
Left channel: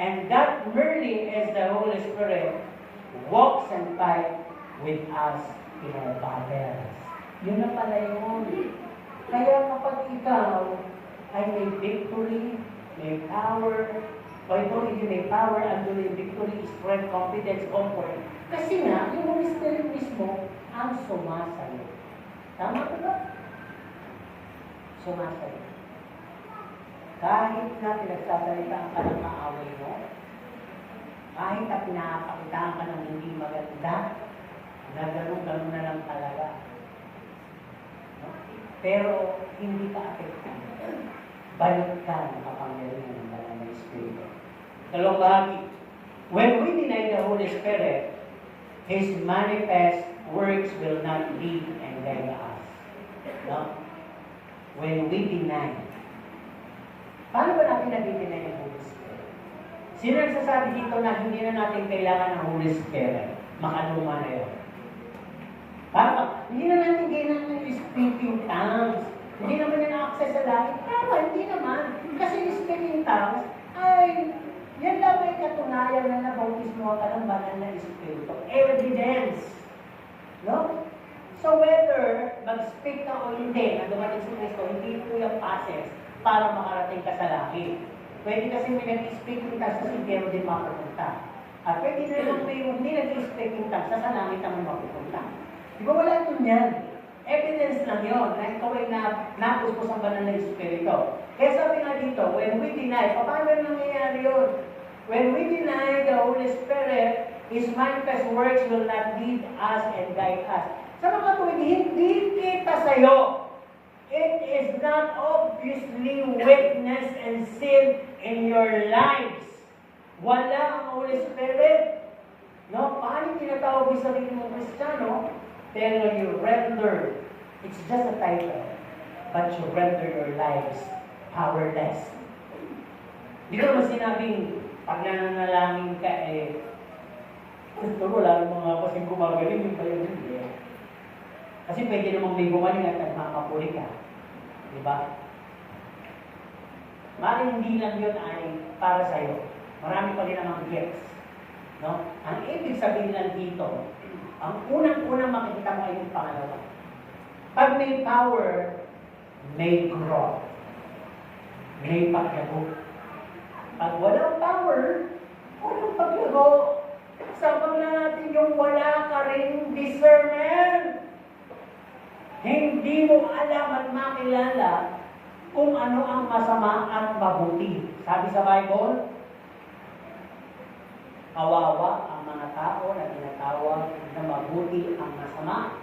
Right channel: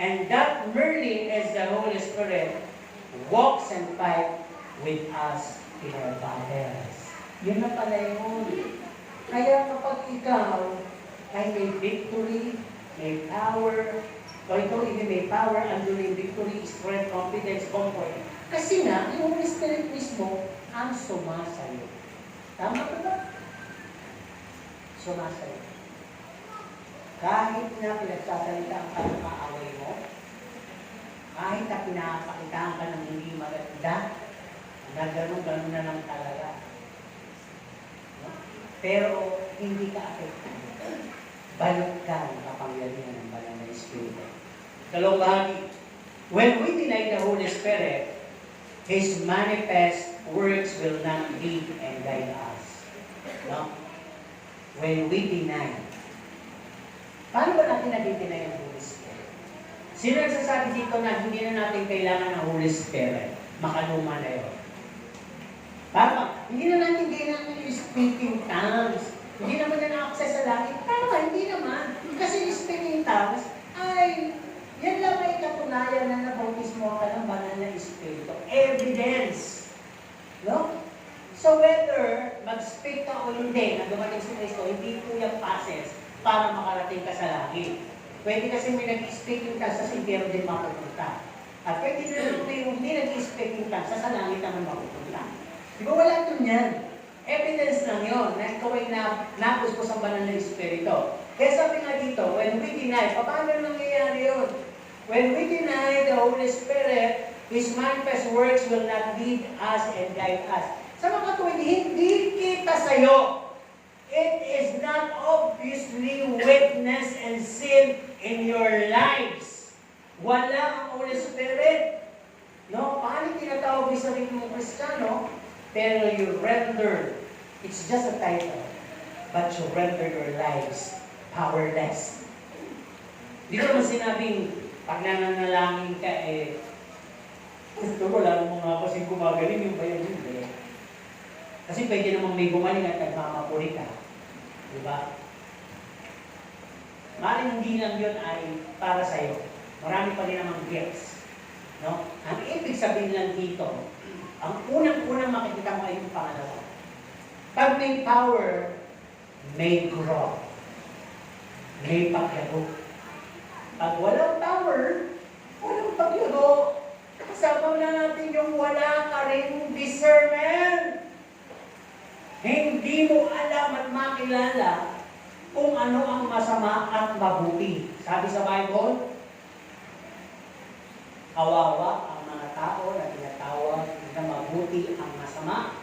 And that merely is the Holy Spirit walks and fight with us in our battles. Yun na pala yun. Kaya kapag ikaw ay may victory, may power, o ikaw hindi may power, andun yung victory, strength, confidence, comfort. Kasi nga, yung Holy Spirit mismo ang sumasayo. Tama ba ba? Sumasayo. Kahit na pinagsasalita ka ng maaway mo, kahit na pinapakitaan ka ng hindi maganda, gano'n na lang talaga. No? Pero hindi ka affected. Balik ka ng kapangyarihan ng Banal na Espiritu. Dalawang bahagi. When we deny the Holy Spirit, His manifest works will not lead and guide us. No? When we deny, paano ba natin nadi-deny ang Holy Spirit? Sino nagsasabi dito na hindi na natin kailangan ng Holy Spirit? Makaluma na yun. Paano ba? Hindi na natin kailangan yung speaking tongues. Hindi naman na na-access sa langit. Tama, hindi naman. Kasi yung speaking tongues ay yan lang may katunayan na nabautismo ka ng Banal na Espiritu. Evidence. No? So whether mag-speak ka o hindi, na dumating si Kristo, hindi po yung passes para makarating ka sa langit. Pwede kasi may nag-speaking tongues sa impyerno din mapupunta. At pwede na naman may hindi nag-speaking tongues sa langit naman mapupunta. Di ba wala ito niyan? Evidence lang yun na ikaw ay napuspos ang Banal na Espiritu. Kaya sabi nga dito, when we deny, paano nangyayari yun? When we deny the Holy Spirit, His manifest works will not lead us and guide us. Sa mga tuwid, hindi kita sa'yo. It is not obviously weakness and sin in your lives. Wala ang Holy Spirit. No? Paano tinatawag mo sa sarili mong Kristiyano? Pero you render, it's just a title, but you render your lives powerless. Hindi ko naman sinabing, pag nananalangin ka, wala namang mga kasing gumagaling yung bayan hindi. Kasi pwede namang may gumaling at nagmamapuri ka. Diba? Maaaring hindi lang yun ay para sa'yo. Marami pa rin namang gifts. No? Ang ibig sabihin lang dito, ang unang-unang makikita mo ay yung pangalawa. Pag may power, may growth. May paglago. Pag walang power, walang paglago. Kasama na natin yung wala ka rin discernment. Hindi mo alam at makilala kung ano ang masama at mabuti. Sabi sa Bible, kawawa ang mga tao na tinatawag na mabuti ang masama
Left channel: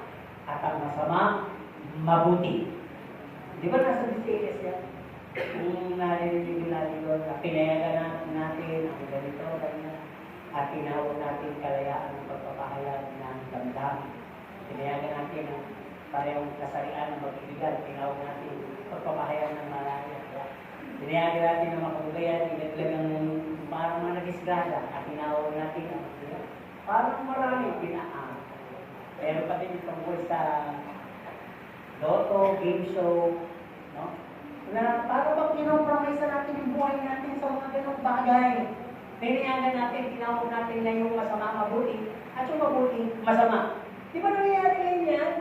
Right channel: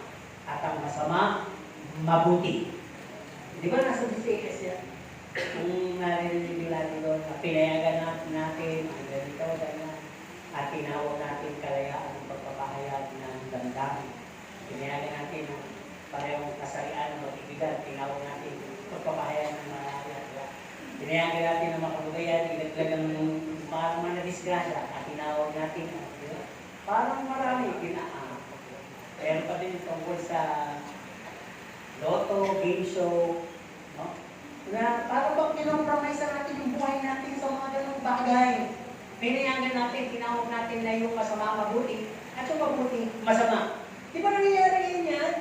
at ang masama mabuti. Di ba nasa DCS yan? Kung narinig nila dito, pinayagan natin ang ganito, ganyan, at tinawag natin kalayaan ng pagpapahayag ng damdamin. Pinayagan natin ang parehong kasarian ng mag-ibigan, tinawag natin pagpapahayag ng malaya. Pinayagan natin ng makabugayan, ilaglag ang mga nadisgrasya, at tinawag natin ang parang marami pinaan. Meron pa din tungkol sa loto, game show, no? Na parang bang kinompromisa natin yung buhay natin sa mga ganong bagay. Pinayagan natin, tinawag natin na yung masama mabuti, at yung mabuti masama. Di ba nangyayari ngayon yan?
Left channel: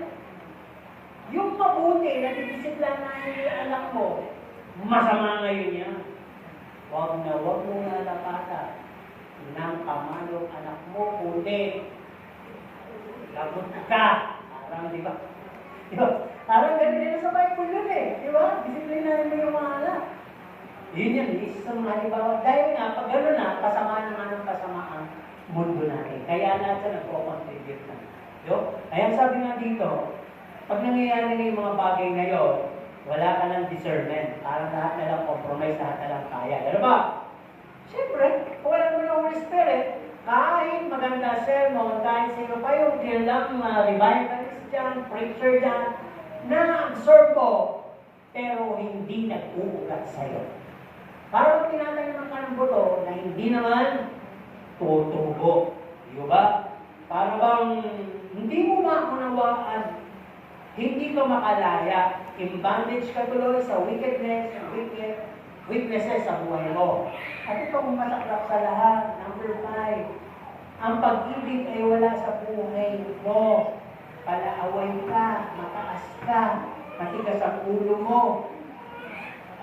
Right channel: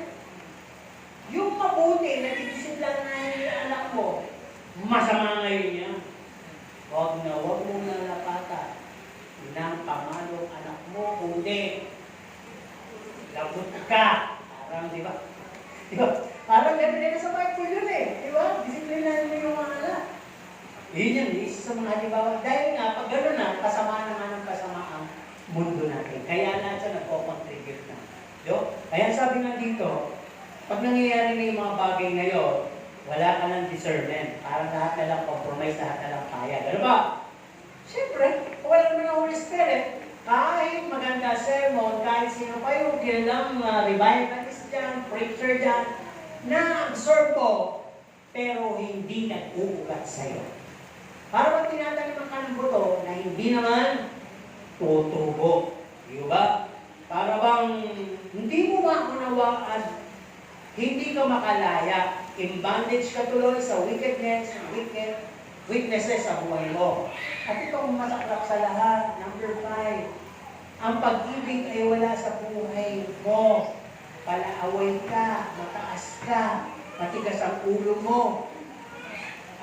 mabuti, nadidisiplinahin mo yung anak mo, masama ngayon yan. Huwag mo nalapatan ng kamalong anak mo, kundi labot ka. Parang, di ba? Di ba? Parang ganun na sa Bible yun eh. Di ba? Disiplinahin mo yung mga anak. Yun yan, isa sa mga halimbawa. Dahil nga, pag gano'n na, kasama naman ng kasama ang mundo natin. Kaya lahat siya nagko-contribute na. Kaya sabi nga dito, pag nangyayari na yung mga bagay na yun, wala ka ng discernment. Parang lahat na lang compromise, lahat na lang kaya. Gano'n ba? Siyempre, wala naman ang Holy Spirit. Kahit maganda sermon, kahit sino pa yung kilang revivalist dyan, preacher dyan, na-absorb ko, pero hindi nag-uulat sa'yo. Para bang tinataniman ka ng buto na hindi naman tutubo. Di ba? Para bang hindi mo maunawaan, hindi ka makalaya, in bondage ka tuloy sa weaknesses sa buhay mo. At itong masaklap sa lahat, number 5, ang pag-ibig ay wala sa buhay mo. Palaaway ka, mataas ka, matigas ang ulo mo,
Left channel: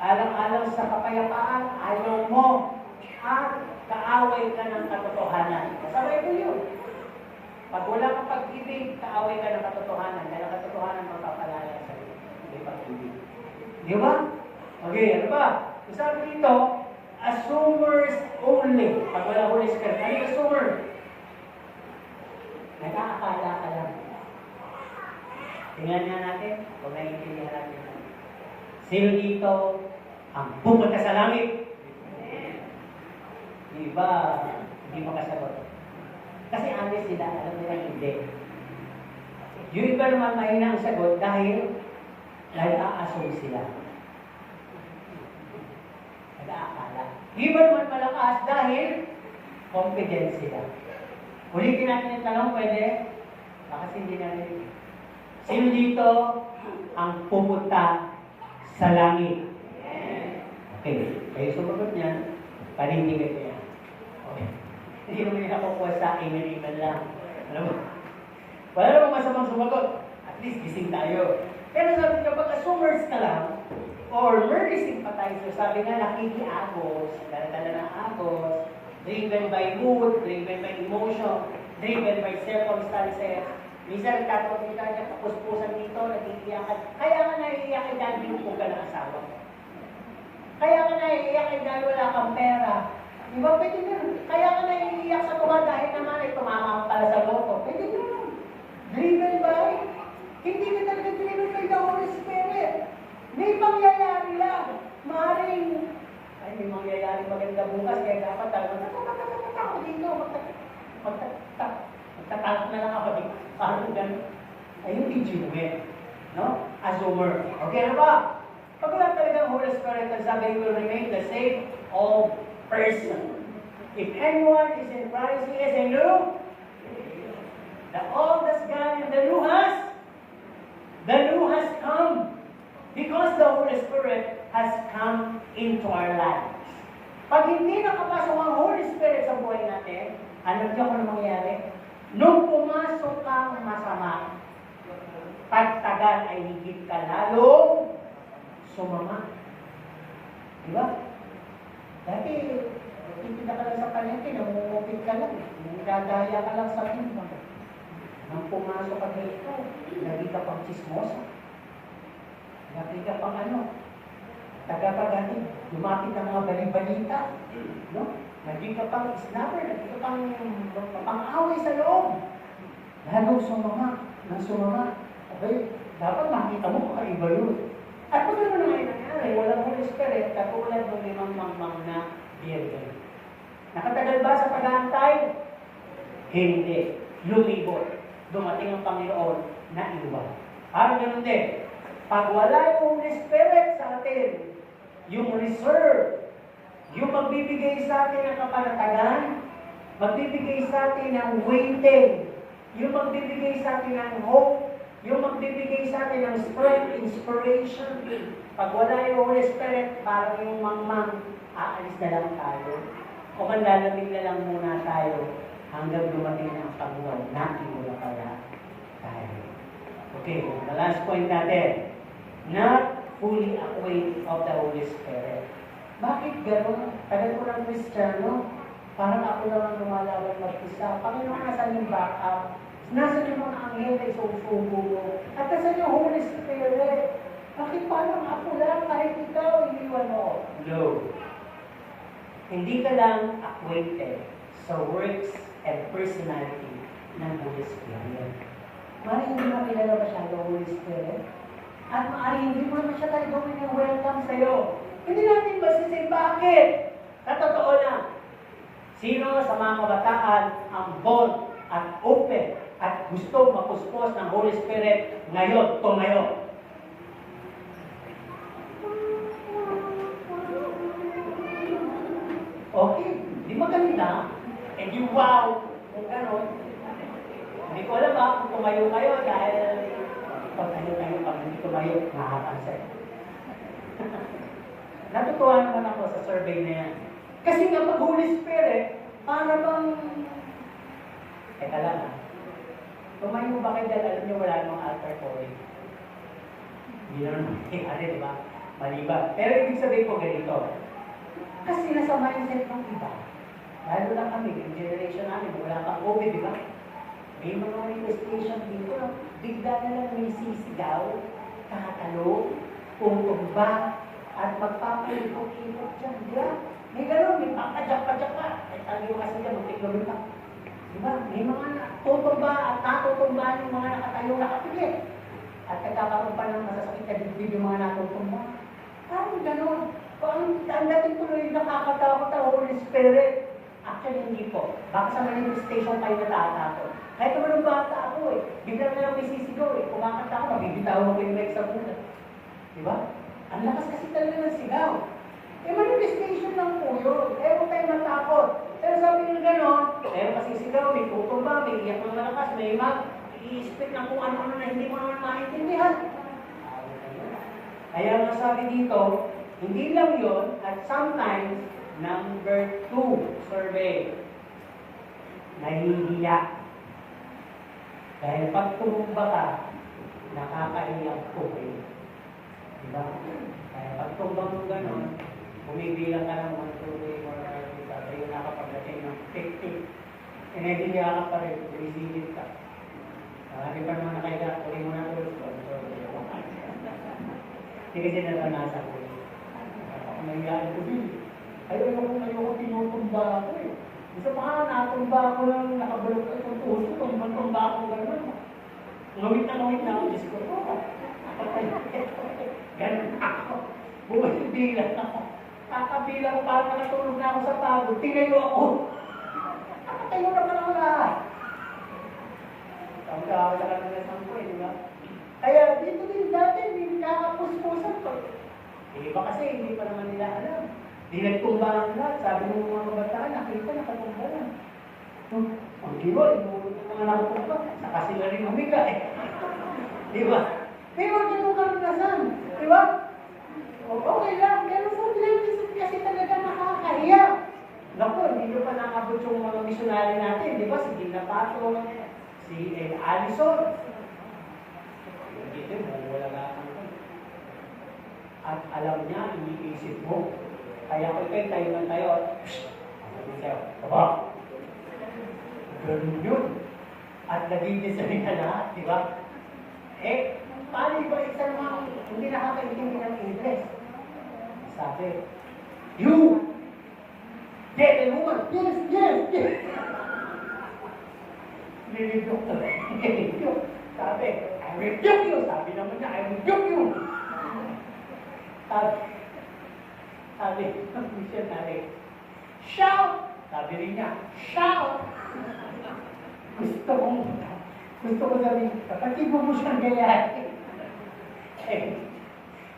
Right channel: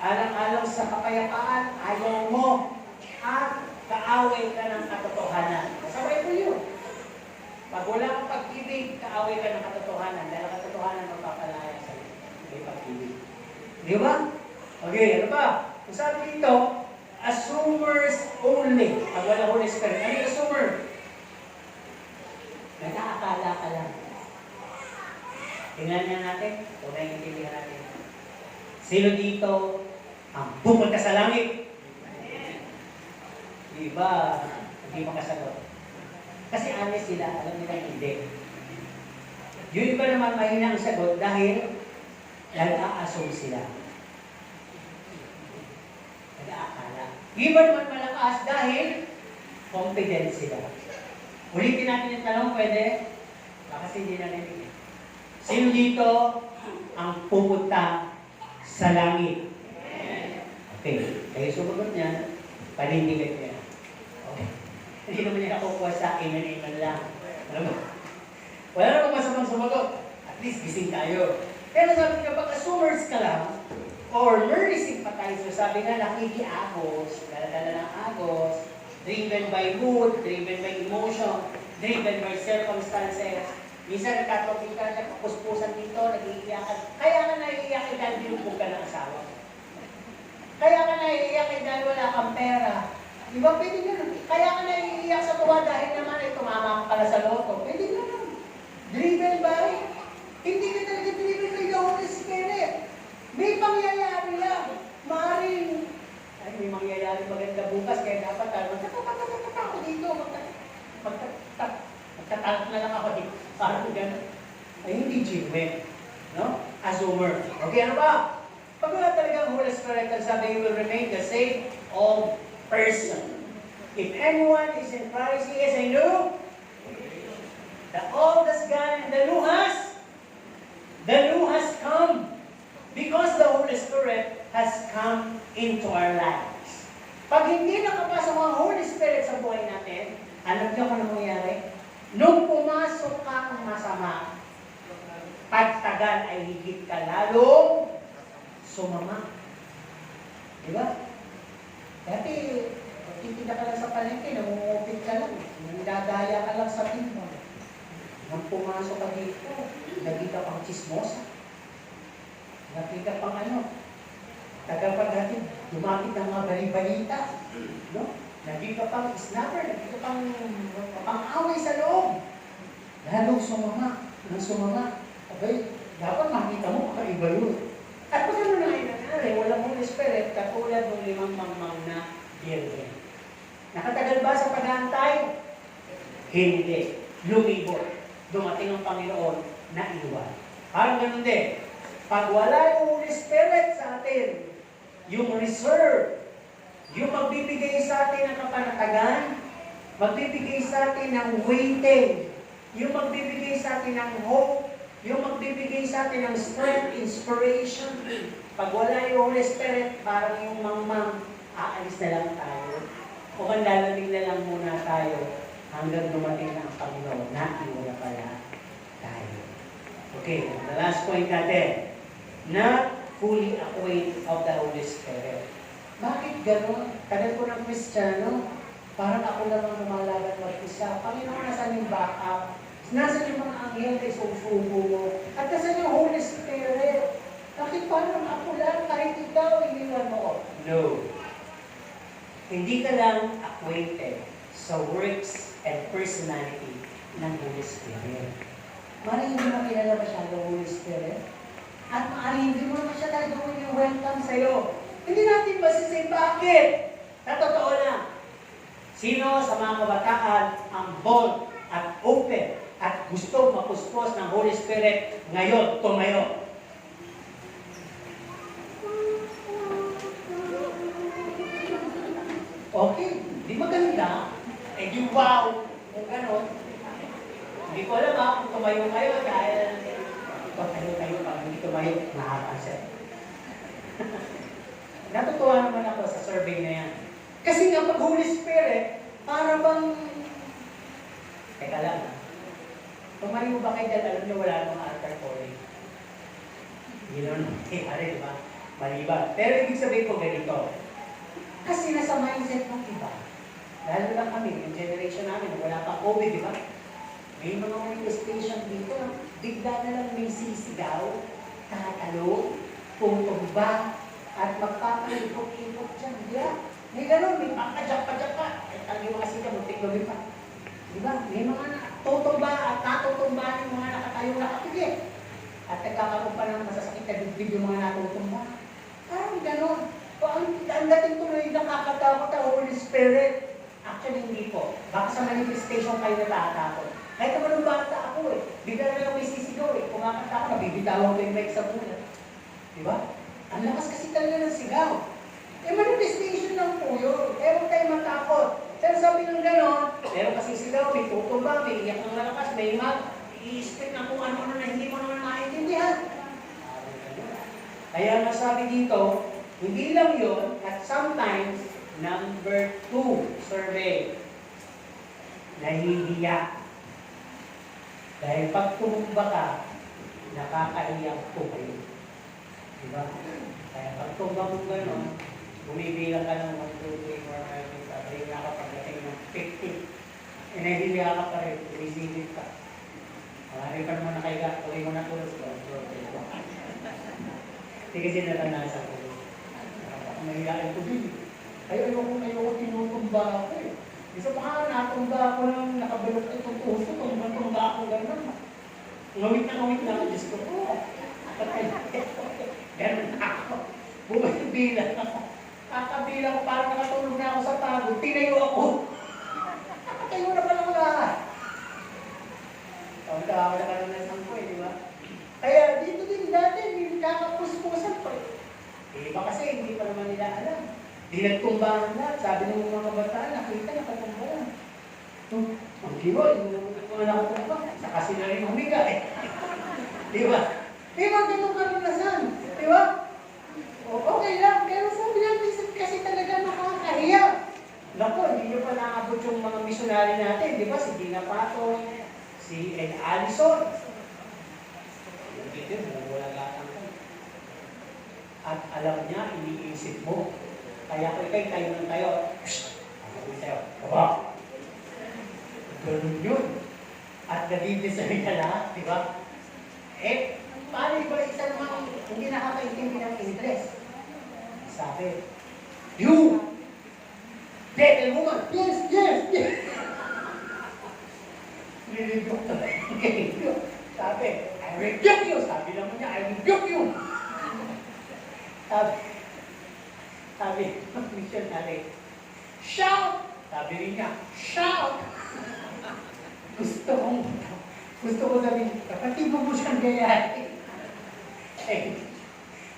alang-alang sa kapayapaan, ayaw mo, at kaaway ka ng katotohanan. Kasabay ko yun. Pag wala kang pag-ibig, kaaway ka ng katotohanan. Dahil ang katotohanan magpapalaya sa iyo. May pag-ibig. Di ba? Okay, ano ba? Kung sabi dito, assumers only. Pag wala Holy Spirit. Ano yung assumer? Nag-aakala ka lang. Tingnan niya natin, kung naiintindihan natin. Sino dito ang pupunta sa langit? Iba, hindi makasagot. Kasi honest sila, alam nila hindi. Yung iba naman mahinang sagot dahil nag-a-assume sila. Nag-aakala. Yung iba naman malakas dahil confident sila. Ulitin natin yung tanong, pwede? Kasi hindi na narinig. Sino dito ang pupunta sa langit? Okay. Kayo sumagot niyan, panindigan niya. Okay. Hindi naman niya nakukuha sa amen lang. Alam mo? Wala namang masamang sumagot. At least gising tayo. Kaya sabi ka, pag assumers ka lang, or merely sympathizer, sabi nga nakikiagos, dala ng agos, driven by mood, driven by emotion, driven by circumstances. Minsan nagkatopikan niya, kapuspusan dito, nag-iiyakan. Kaya nga naiiyakin dahil binupog ka ng asawa. Kaya nga naiiyakin dahil wala kang pera. Di ba pwede gano'n? Kaya nga naiiyak sa tuwa dahil naman ay tumama ka pala sa loto. Pwede gano'n. Driven by, hindi ka talaga driven by the Holy Spirit. May pangyayari lang. Maaaring, ay may mangyayari maganda bukas, kaya dapat tayo magtatak ako dito. Magtatalak na lang ako dito. Parang gano'n. Ay hindi genuine. No? Assumer. Okay, ano ba? Pag wala talagang Holy Spirit, ang sabi, you will remain the same old person. If anyone is in Christ, he is a new. The old has gone and the new has come. Because the Holy Spirit has come into our lives. Pag hindi nakapasok ang Holy Spirit sa buhay natin, alam niyo kung ano mangyayari? Nung pumasok kang masama, pagtagal ay higit ka lalong sumama. Di ba? Dati, titinda ka lang sa palengke, namumupit ka lang. Nagdadaya ka lang sa timba. Nang pumasok ka dito, lagi ka pang chismosa. Lagi ka pang ano. Taga pa dati, lumapit ng mga balibalita. No? Lagi ka pang snapper, lagi ka pang away sa loob. Lalong sumama, nang sumama. Okay, dapat makita mo kakaiba yun. At kung ano na nangyari, walang Holy Spirit, katulad ng 5 mangmang na birthday. Nakatagal ba sa pag-aantay? Hindi. Lumibot. Dumating ang Panginoon na iwan. Parang ganun din. Pag wala yung Holy Spirit sa atin, yung reserve, yung magbibigay sa atin ng kapanatagan, magbibigay sa atin ng waiting, yung magbibigay sa atin ng hope, yung magbibigay sa atin ng strength, inspiration. Pag wala yung Holy Spirit, parang yung mangmang, aalis na lang tayo. O kung lalating na lang muna tayo hanggang dumating na ang Panginoon na iwala pala tayo. Okay, the last point natin. not fully acquainted of the Holy Spirit. Bakit gano'n? Tagal ko ng Kristiyano, parang ako lang ang lumalaban mag-isa. Panginoon, nasan yung backup? Nasaan yung mga anghel na isusubo mo? At nasan yung Holy Spirit? Bakit parang ako lang, kahit ikaw, iniwan mo? No. Hindi ka lang acquainted sa works and personality ng Holy Spirit. Maaaring hindi mo kilala masyado ang Holy Spirit. At maaaring hindi mo naman siya tayo gawin yung welcome sa'yo. Hindi natin masisay bakit? Sa totoo lang, sino sa mga kabataan ang bold at open at gusto mapuspos ng Holy Spirit ngayon, tumayo? Okay, di maganda. Eh di wow, kung gano'n. Hindi ko alam kung tumayo kayo dahil pag hindi tumayo, nakakapansin. Natutuwa naman ako sa survey na yan. Kasi kapag Holy Spirit, para bang... Teka lang tumayo ba kayo dahil alam nyo wala nang altar calling? Hindi naman mangyayari, di ba? Maliban. Pero ibig sabihin ko ganito. Kasi nasa mindset ng iba. Lalo na kami, yung generation namin, wala pang COVID, di ba? May mga manifestation dito, bigla na lang may sisigaw, tatalo, tutumba, at magpapalipot-ipot dyan. Di ba? May gano'n, may pagkajak-pajak pa. Eh, taliw kasi dyan, magtiklobin pa. Di ba? May mga tutumba at natutumba yung mga nakatayo nakapili. At nagkakaroon pa ng masasakit na bibig yung mga natutumba. Parang gano'n. Ang dating tuloy nakakatakot ang Holy Spirit. Actually, hindi po. Baka sa manifestation kayo natatakot. Kahit naman ang bata ako bigla na lang may sisigaw kumakanta ako, nabibitawan ko yung mic sa pulat. Di ba? Ang lakas kasi talaga ng sigaw. Manifestation lang po yun. Huwag tayo matakot. Pero sabi ng gano'n, pero kasi sigaw, may tutumba, may iyak ng malakas, may mag, i-speak ng kung ano-ano na hindi mo naman maintindihan. Kaya nasabi dito, hindi lang yon at sometimes, number 2 survey, nahihiya. Dahil pag tumumba ka, nakakaiyak po. Diba? Kaya pag tumba mo gano'n, bumibilang ka ng 1, 2, 3, 4, 5, 6, 7, yung nakapagdating ng 50. Nahihiya ka pa rin, binisigit ka. Marami pa naman nakahiga, tuloy mo na tulog ko. Hindi kasi naranasan ko. Nahihiyain ko din. Ayoko tinutumba ako Isa pa natumba ako ng nakabalok itong puso, tumba ako gano'n. Ngawit na ako, Diyos ko. Ganun ako. Bumibilang ako. Kakabilang ko, parang nakatulog na ako sa pagod. Tinayo ako. Nakatayo na pala ako lahat. Pagka ako nakaranasan ko di ba? Kaya dito din dati, hindi kakapuspusan pa. Iba kasi, hindi pa naman nila alam. Di nagtumba ang lahat. Sabi ng mga bataan, nakita, nakatumba lang. Ang diba, inulog ng mga nakatumba. Saka sila rin humiga Di ba? Di ba, ganun karanasan? Di ba? Okay lang, pero sabi natin kasi talaga nakakahiya. Naku, hindi nyo pa nakabot yung mga missionary natin. Di ba? Si Dina Pato, si Allison. Yung video, wala gatang ka. At alam niya, iniisip mo. Kaya ko ikay, tayo lang tayo. Sabi sa'yo, baba. Ganun yun. At nabibisay ka lahat, di ba? Paano ba isa namang hindi nakakaintindi ng English? Sabi, you! Devil woman! Yes! Nilibok ka na. Sabi, I rebuke you! Sabi naman niya, I rebuke you! Sabi, missionary, shout! Sabi rin niya, shout! Gusto ko sabihin, kapatid mo siyang gayahin.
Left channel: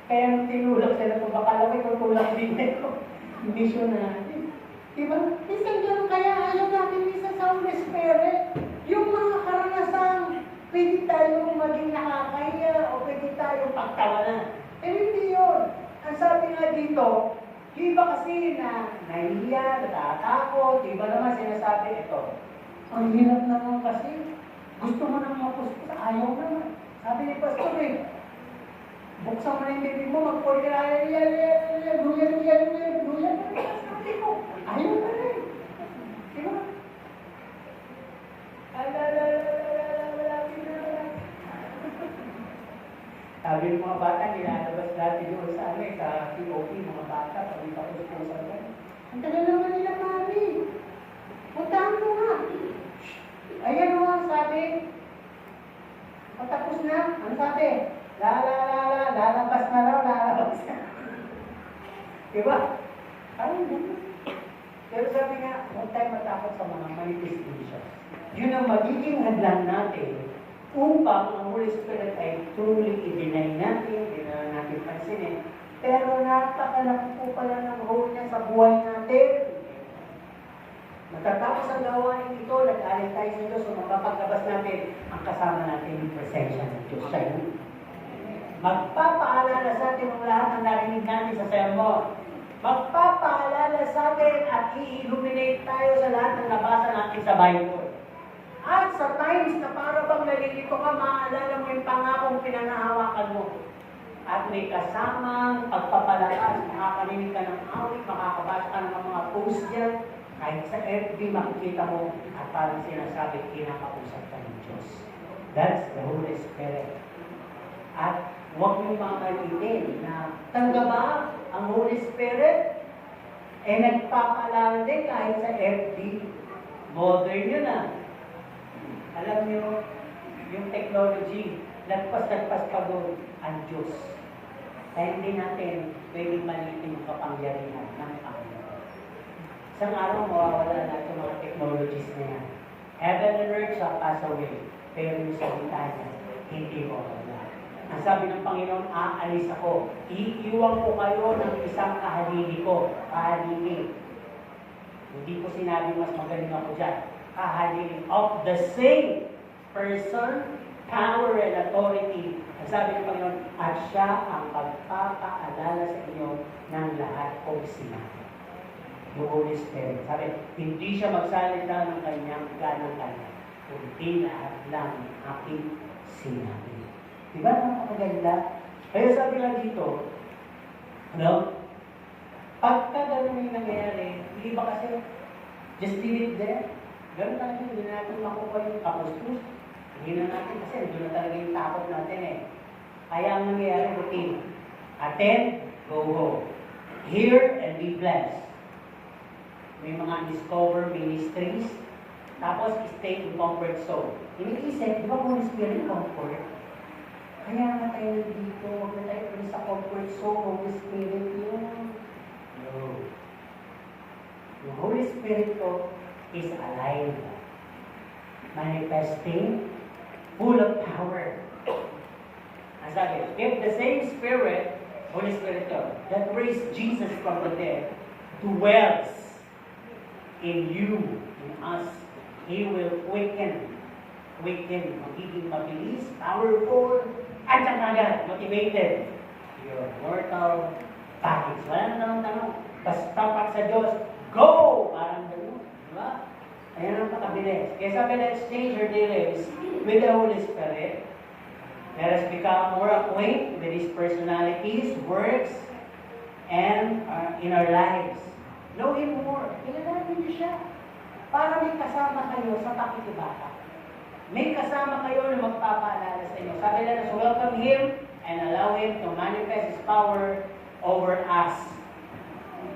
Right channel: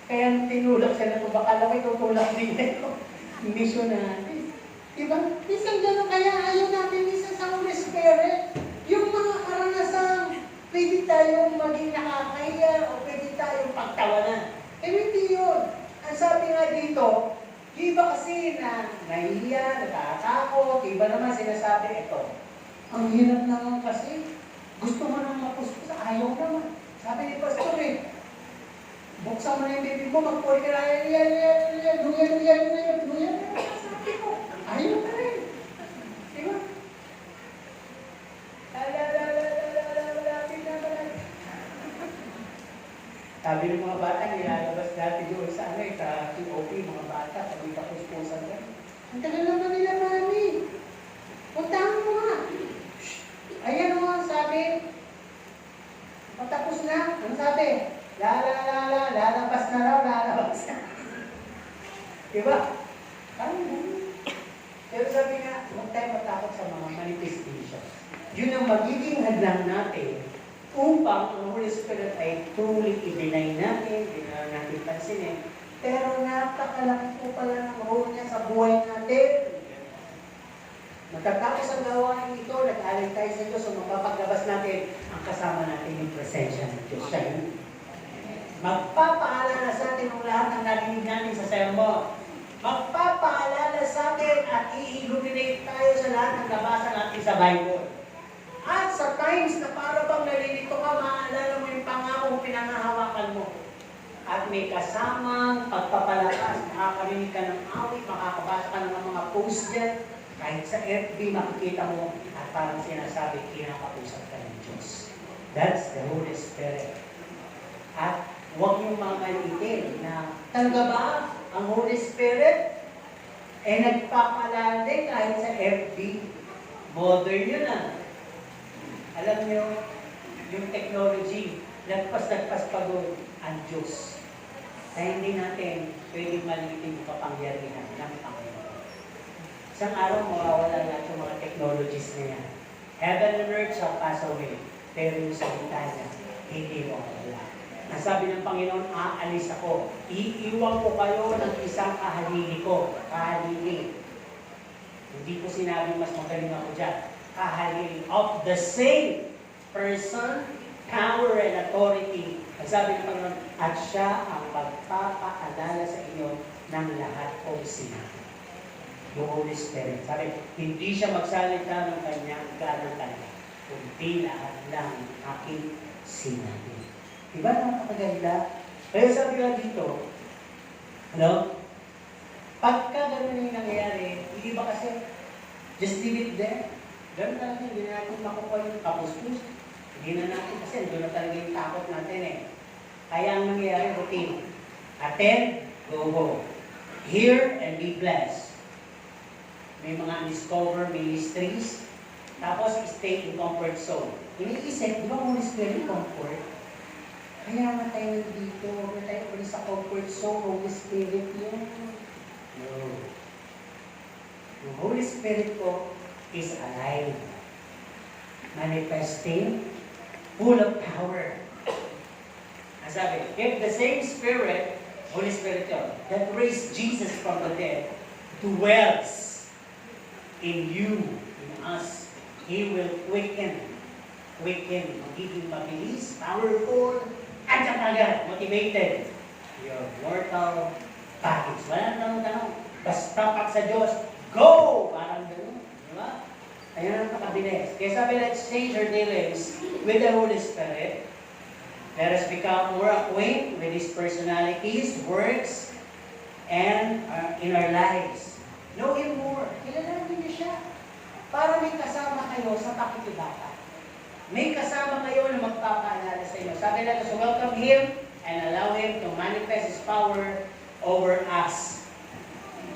Kaya nung tinulak siya na ito, baka lang itutulak din ito. Missionary. Diba? Minsan gano'n kaya ayaw natin isa sa Holy Spirit. Yung mga karanasan, pwede tayong maging nakakahiya o pwede tayong pagtawanan. Pero hindi yun. Ang sabi nga dito, di ba kasi na nahihiya, natatakot, di ba naman sinasabi ito? Ang hirap naman kasi, gusto mo nang mapuspos, ayaw naman. Sabi ni Pastor Buksan mo na yung bibig mo, mag-call ka na, hallelujah. Sabi ko, ayaw na rin. Di ba? Sabi ng mga bata, nilalabas natin yung sa POP, mga bata, pag ipapuspusan ka. Ang tagal naman nila, mami. Puntahan mo nga. Ayan o, sabi. Patapos na. Ano sabi? Lalabas na raw, lalabas na. Diba? Ano yun? Pero sabi nga, huwag tayo matakot sa mga manifestations. Yun ang magiging hadlang natin upang ang Holy Spirit ay truly i-deny natin, hindi na natin pansinin. Pero napakalaki po pala ng role niya sa buhay natin. Magkatapos ang gawain ito, nag-aaral tayo sa Diyos, so mapapaglabas natin ang kasama natin yung presensya ng Diyos. Siya yun. Magpapaalala sa atin ang lahat ng narinig natin sa sermon. Magpapaalala sa atin at i-illuminate tayo sa lahat ng nabasa natin sa Bible. At sa times na para bang nalilito ka, maaalala mo yung pangakong pinangahawakan mo. At may kasamang pagpapalakas, makakarinig ka ng awit, makakabasa ka ng mga post dyan. Kahit sa FB, makikita mo at parang sinasabi, kinakausap ka ng Diyos. That's the Holy Spirit. At huwag yung mga maliitin na tangga ba ang Holy Spirit? Eh nagpapaalala din kahit sa FB. Modern yun ah. Alam niyo, yung technology, nagpas pa doon ang Diyos. Kaya hindi natin pwedeng maliitin yung kapangyarihan ng Panginoon. Isang araw, mawawala lahat yung mga technologies niya. Heaven and earth shall pass away, pero yung salita niya, hindi mawawala. Ang sabi ng Panginoon, aalis ako. Iiwan ko kayo ng isang kahalili ko. Kahalili. Hindi ko sinabing mas magaling ako dyan. Kahalili of the same person, power and authority. Ang sabi ng Panginoon, at siya ang pagpapaalala sa inyo ng lahat kong sinabi. Yung Holy Spirit. Sabi, hindi siya magsalita ng kanyang ganang kanya. Kundi lahat lang aking sinabi. Diba? Napakaganda. Kaya sabi lang dito, ano? Pagka ganun yung nangyayari, hindi ba kasi just leave it there? Ganun talaga, hindi na natin makuha yung kapus-pus. Hindi na natin, kasi doon na talaga yung takot natin eh. Kaya ang nangyayari, routine. Attend, go home. Hear and be blessed. May mga discover ministries, tapos stay in comfort zone. Iniisip, di ba Holy Spirit comfort? Kaya nga tayo dito, tayo sa comfort zone, Holy Spirit yun. No. The Holy Spirit ko is alive, manifesting, full of power. Ang sabi, if the same Spirit, Holy Spirit yun, that raised Jesus from the dead, dwells in you, in us, He will quicken, magiging mabilis, powerful, at agad, motivated. Your mortal bodies. Wala na tanong. Basta pag sa Diyos, go! Parang gano'n. Diba? Kaya napakabilis. Kaya sabi, let's change our dealings with the Holy Spirit. Let us become more acquainted with His personalities, works, and in our lives. Know Him more. Kilalanin niyo siya. Para may kasama kayo sa pakikibaka. May kasama kayo na magpapaalala sa inyo. Sabi lang, so welcome Him and allow Him to manifest His power over us.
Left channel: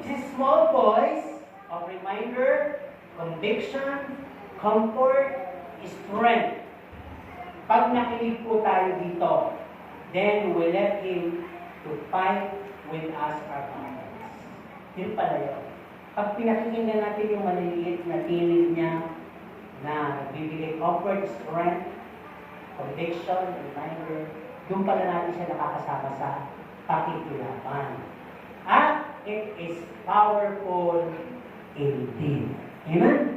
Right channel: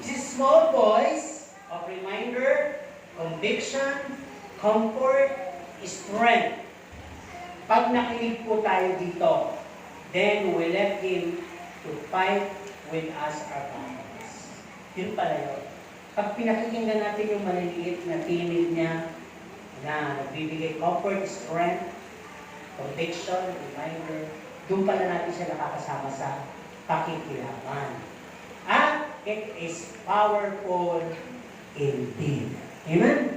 This small voice of reminder, conviction, comfort, strength. Pag nakinig po tayo dito, then we let Him to fight with us our battles. Yun pala yun. Pag pinakikinggan natin yung maliliit na tinig niya, na nagbibigay comfort, strength, conviction, reminder, doon pala natin siya nakakasama sa pakikilaban. At it is powerful indeed. Amen?